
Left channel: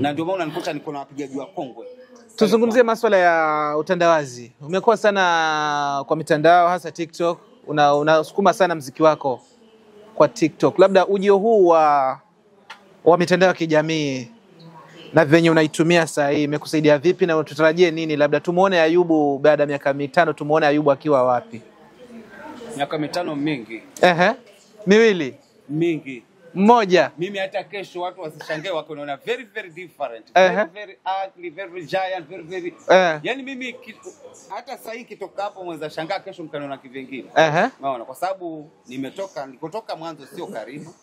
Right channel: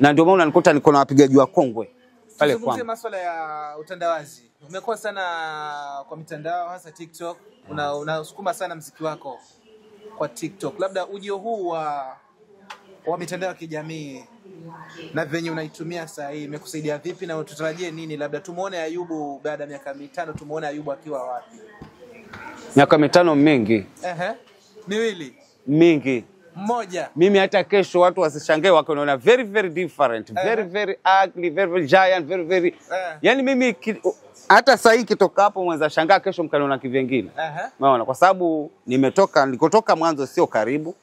Na ndio maana unanikuta niko na wapigaji wa kongwe. Tuzungumzie masuala ya utandawazi. Umekuwa sana kwa mitandao, hasa TikTok. Unasukuma sana muziki wako kwa TikTok. Labda ujio huu wa mitandao ya kijamii na venye unaitumia saa hii imekusaidia vipi, na tutarajie nini? Labda tumuone Ayubu baada ya miaka 5, tumuone Ayubu akiwa wapi? Miaka 5 mingi. Miwili mingi. Mmoja. Mimi hata kesho watu wasishangae wakaona very very different, very very ugly, very very giant, very very yani mimi hata sasa hii kitoka hapo mwanza shangaa kesho mkaniona kivingine. Unaona, kwa sababu nilikotoka mwanzo sio karibu.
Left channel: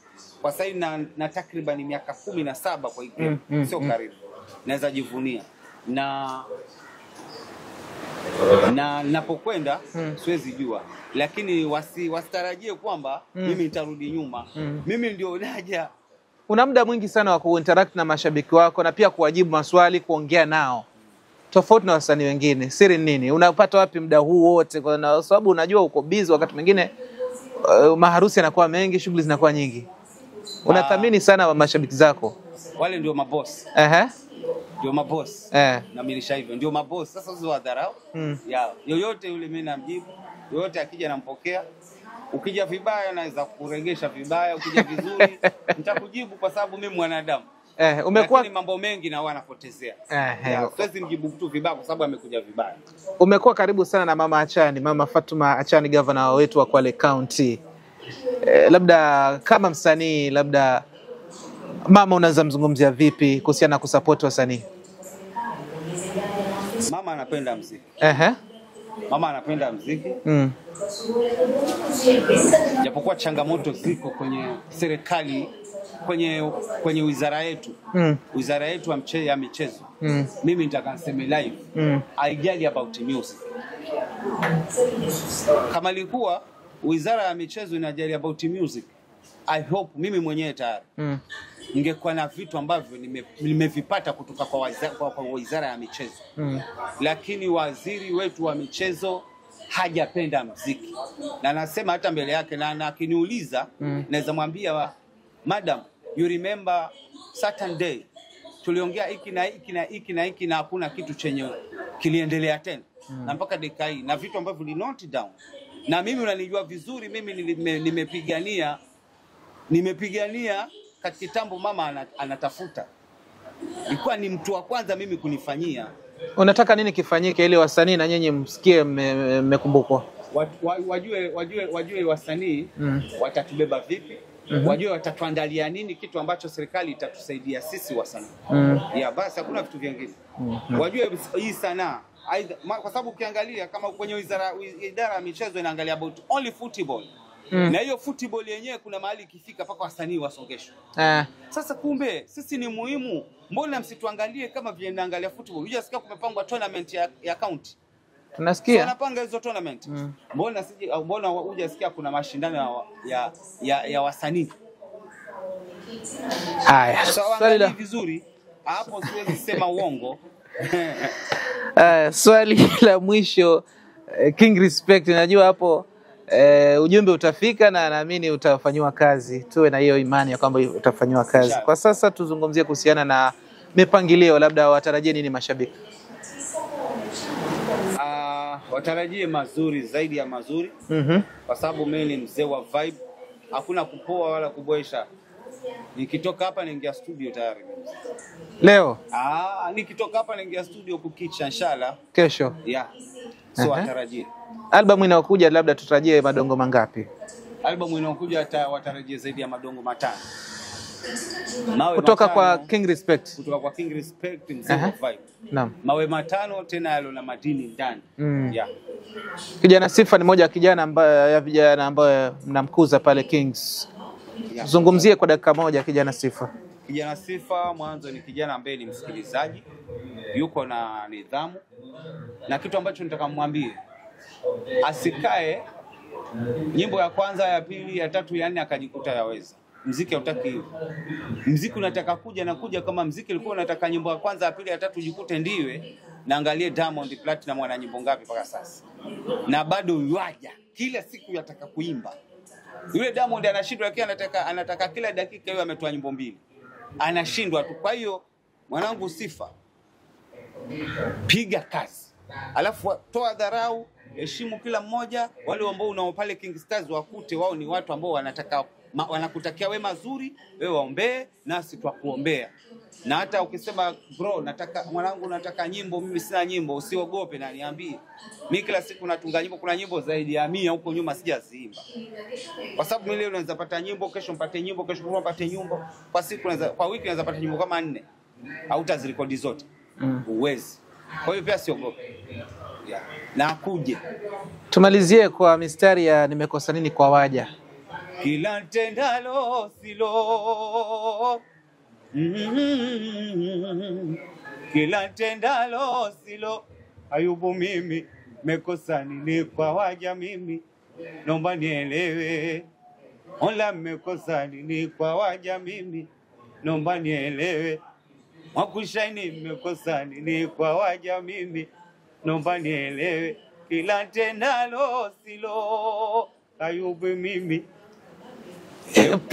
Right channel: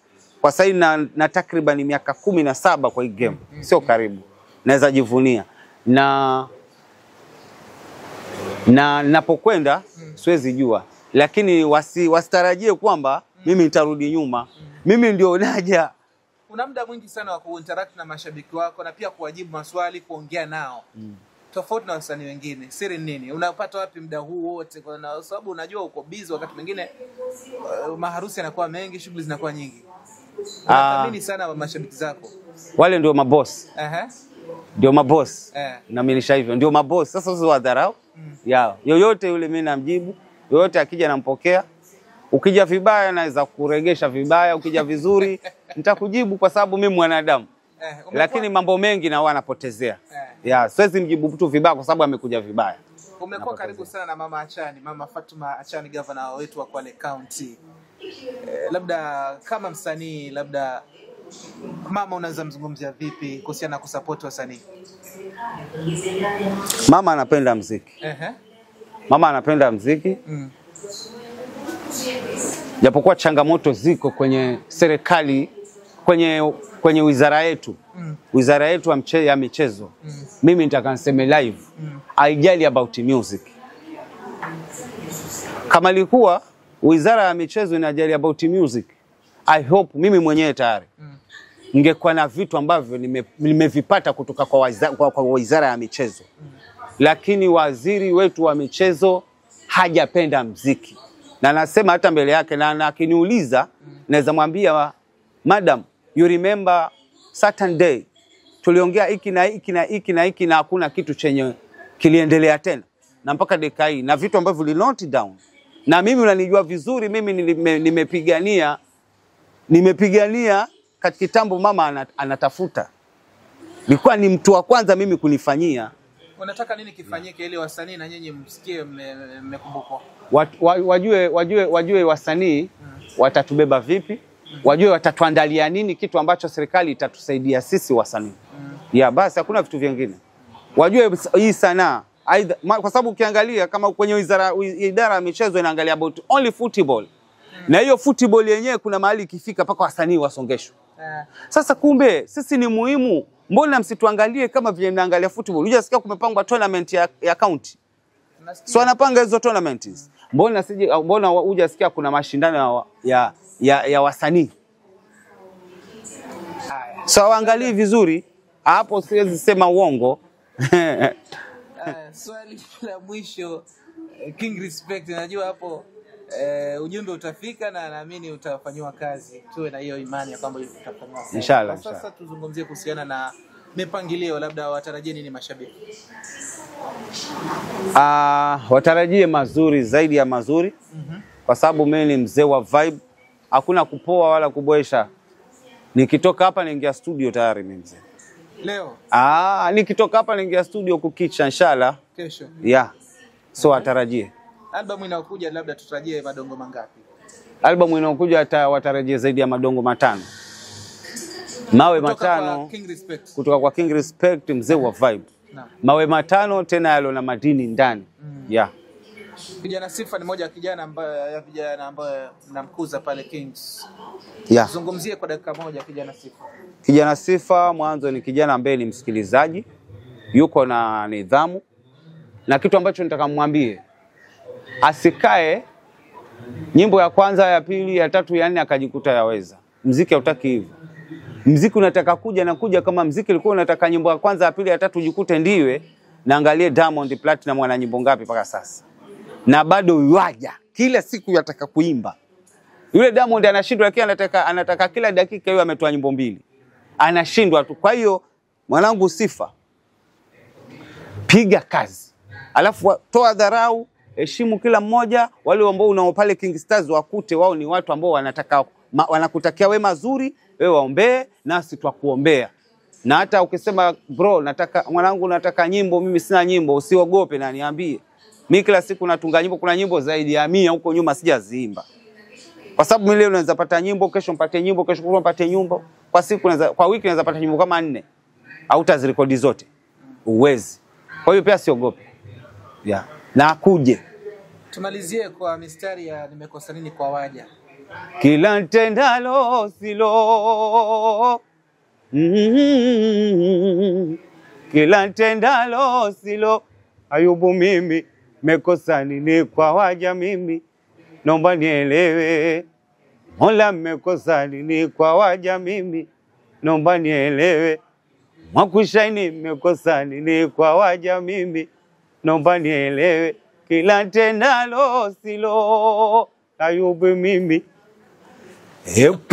Kwa sasa na takriban miaka 17 kwa hii game. Sio karibu. Naweza jivunia. Na napokwenda siwezi jua. Lakini wasitarajie kwamba mimi nitarudi nyuma. Mimi ndio naja una muda mwingi sana wa kuinteract na mashabiki wako na pia kuwajibu maswali, kuongea nao. Tofauti na wasanii wengine. Siri nini? Unapata wapi muda huu wote? Kwa sababu unajua uko busy wakati mwingine, maharusi yanakuwa mengi, shughuli zinakuwa nyingi. Unathamini sana mashabiki zako. Wale ndio maboss. Ndio maboss. Naaminisha hivyo. Ndio maboss. Sasa sio wadharau. Yoyote yule mimi namjibu. Yoyote akija nampokea. Ukija vibaya naweza kuregesha vibaya, ukija vizuri nitakujibu kwa sababu mimi mwanadamu. Lakini mambo mengi na huwa anapotezea. Siwezi mjibu mtu vibaya kwa sababu amekuja vibaya. Umekuwa karibu sana na Mama Achani, Mama Fatuma Achani, governor wetu wa Kwale County. Labda kama msanii, labda mama unaweza mzungumzia vipi kuhusiana na kusupport wasanii? Mama anapenda muziki. Mama anapenda muziki. Japokuwa changamoto ziko kwenye serikali, kwenye wizara yetu. Wizara yetu ya michezo. Mimi nitaka niseme live. Haijali about music. Kama ilikuwa wizara ya michezo inajali about music, I hope mimi mwenyewe tayari ningekuwa na vitu ambavyo nimevipata kutoka kwa wizara ya michezo. Lakini waziri wetu wa michezo hajapenda muziki. Na nasema hata mbele yake, na akiniuliza naweza mwambia, madam, you remember certain day tuliongea hiki na hiki na hiki na hiki na hakuna kitu chenye kiliendelea tena. Na mpaka dakika hii na vitu ambavyo li note down. Na mimi unanijua vizuri, mimi nimepigania katika kitambo mama anatafuta. Nilikuwa ni mtu wa kwanza mimi kunifanyia. Unataka nini kifanyike ili wasanii na nyinyi msikie mmekumbukwa? Wajue wasanii watatubeba vipi? Wajue watatuandalia nini, kitu ambacho serikali itatusaidia sisi wasanii. Basi hakuna vitu vingine. Wajue hii sanaa, kwa sababu ukiangalia kama kwenye idara ya michezo inaangalia about only football. Na hiyo football yenyewe kuna mahali ikifika paka wasanii wasongeshwe. Sasa kumbe sisi ni muhimu. Mbona msituangalie kama vile naangalia football? Unajisikia kumepangwa tournament ya county. Tunasikia. So wanapanga hizo tournament. Mbona hujasikia kuna mashindano ya wasanii? Haya. So angalia vizuri. Hapo siwezi sema uongo. Swali la mwisho, King Respect, najua hapo ujumbe utafika na naamini utafanywa kazi. Tuwe na hiyo imani ya kwamba utafanywa kazi. Inshallah. Kwa sasa tuzungumzie kuhusiana na mipangilio, labda watarajie nini mashabiki? Watarajie mazuri zaidi ya mazuri. Kwa sababu mimi ni mzee wa vibe. Hakuna kupoa wala kuboesha. Nikitoka hapa niingia studio tayari mimi. Leo? Nikitoka hapa niingia studio kukicha inshallah. Kesho? So watarajie. Album inayokuja labda tutarajie madongo mangapi? Album inayokuja watarajie zaidi ya madongo 5. Kutoka kwa King Respect. Kutoka kwa King Respect, mzee wa vibe. Naam. Mawe 5 tena yalo na madini ndani. Kijana Sifa ni moja kijana ambaye vijana ambaye mnamkuza pale Kings. Zungumzie kwa dakika moja kijana Sifa. Kijana Sifa mwanzo ni kijana ambaye ni msikilizaji, yuko na nidhamu, na kitu ambacho nitakamwambie asikae nyimbo ya kwanza, ya pili, ya tatu, ya nne akajikuta yaweza. Muziki hautaki hivyo. Muziki unataka kuja kama muziki ulikuwa unataka nyimbo ya kwanza, ya pili, ya tatu ujikute ndiwe. Na angalie Diamond Platinum ana nyimbo ngapi mpaka sasa. Na bado yuaja kila siku yataka kuimba. Yule Diamond anashindwa, lakini anataka kila dakika yeye ametoa nyimbo 2. Anashindwa tu. Kwa hiyo mwanangu Sifa, piga kazi. Alafu toa dharau, heshimu kila mmoja. Wale ambao unao pale King Stars wakute wao ni watu ambao wanakutakia wewe mazuri, wewe waombee nasi twakuombea. Na hata ukisema bro mwanangu nataka nyimbo, mimi sina nyimbo, usiogope na niambie. Mimi kila siku natunga nyimbo, kuna nyimbo zaidi ya 100 huko nyuma sijaziimba. Kwa sababu mimi leo naweza pata nyimbo, kesho mpate nyimbo, kesho kutwa mpate nyimbo. Kwa wiki naweza pata nyimbo kama 4. Hautazirekodi zote. Uwezi. Kwa hiyo pia siogope. Na akuje. Tumalizie kwa mistari ya nimekosa nini kwa waja. Kila ntendalo silo. Kila ntendalo silo. Ayubu mimi mekosa nini kwa waja mimi. Naomba nielewe. Mola mekosa nini kwa waja mimi. naomba nielewe. Mwakushaini nimekosa nini kwa waja mimi, naomba nielewe. Kila tendalo silo Ayubu mimi.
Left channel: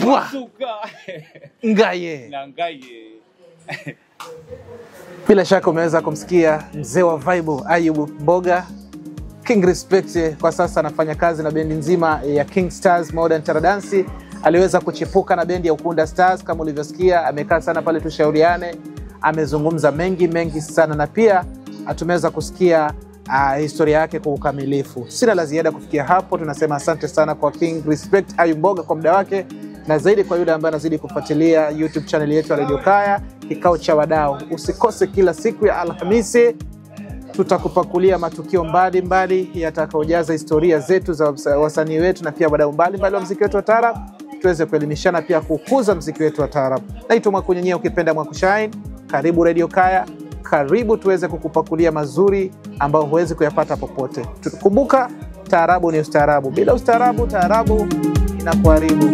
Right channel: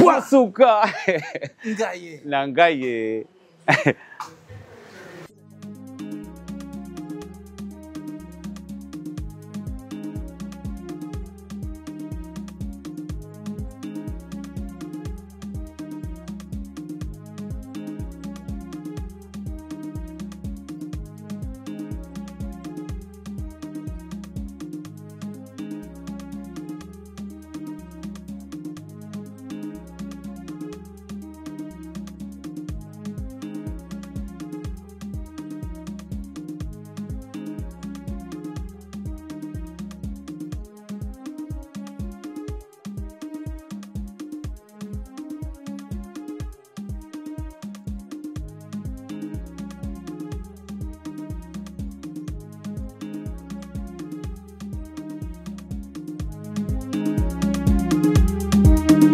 Pasuka Ngaye na Ngaye. Bila shaka umeweza kumsikia mzee wa vibe Ayubu Mboga. King Respect kwa sasa anafanya kazi na bendi nzima ya King Stars Modern Taradansi. Aliweza kuchipuka na bendi ya Ukunda Stars kama ulivyosikia, amekaa sana pale tushauriane, amezungumza mengi sana, na pia tumeweza kusikia historia yake kwa ukamilifu. Sina la ziada kufikia hapo, tunasema asante sana kwa King Respect Ayubu Mboga kwa muda wake, na zaidi kwa yule ambaye anazidi kufuatilia YouTube channel yetu ya Radio Kaya Kikao cha Wadau. Usikose kila siku ya Alhamisi tutakupakulia matukio mbalimbali yatakayojaza historia zetu za wasanii wetu na pia wadau mbalimbali wa muziki wetu wa taarab, tuweze kuelimishana pia kukuza muziki wetu wa taarab. Naitwa Mwakunyenyea, ukipenda Mwakushine. Karibu Radio Kaya, karibu tuweze kukupakulia mazuri ambayo huwezi kuyapata popote. Tukumbuka, taarabu ni ustaarabu. Bila ustaarabu, taarabu inakuharibu.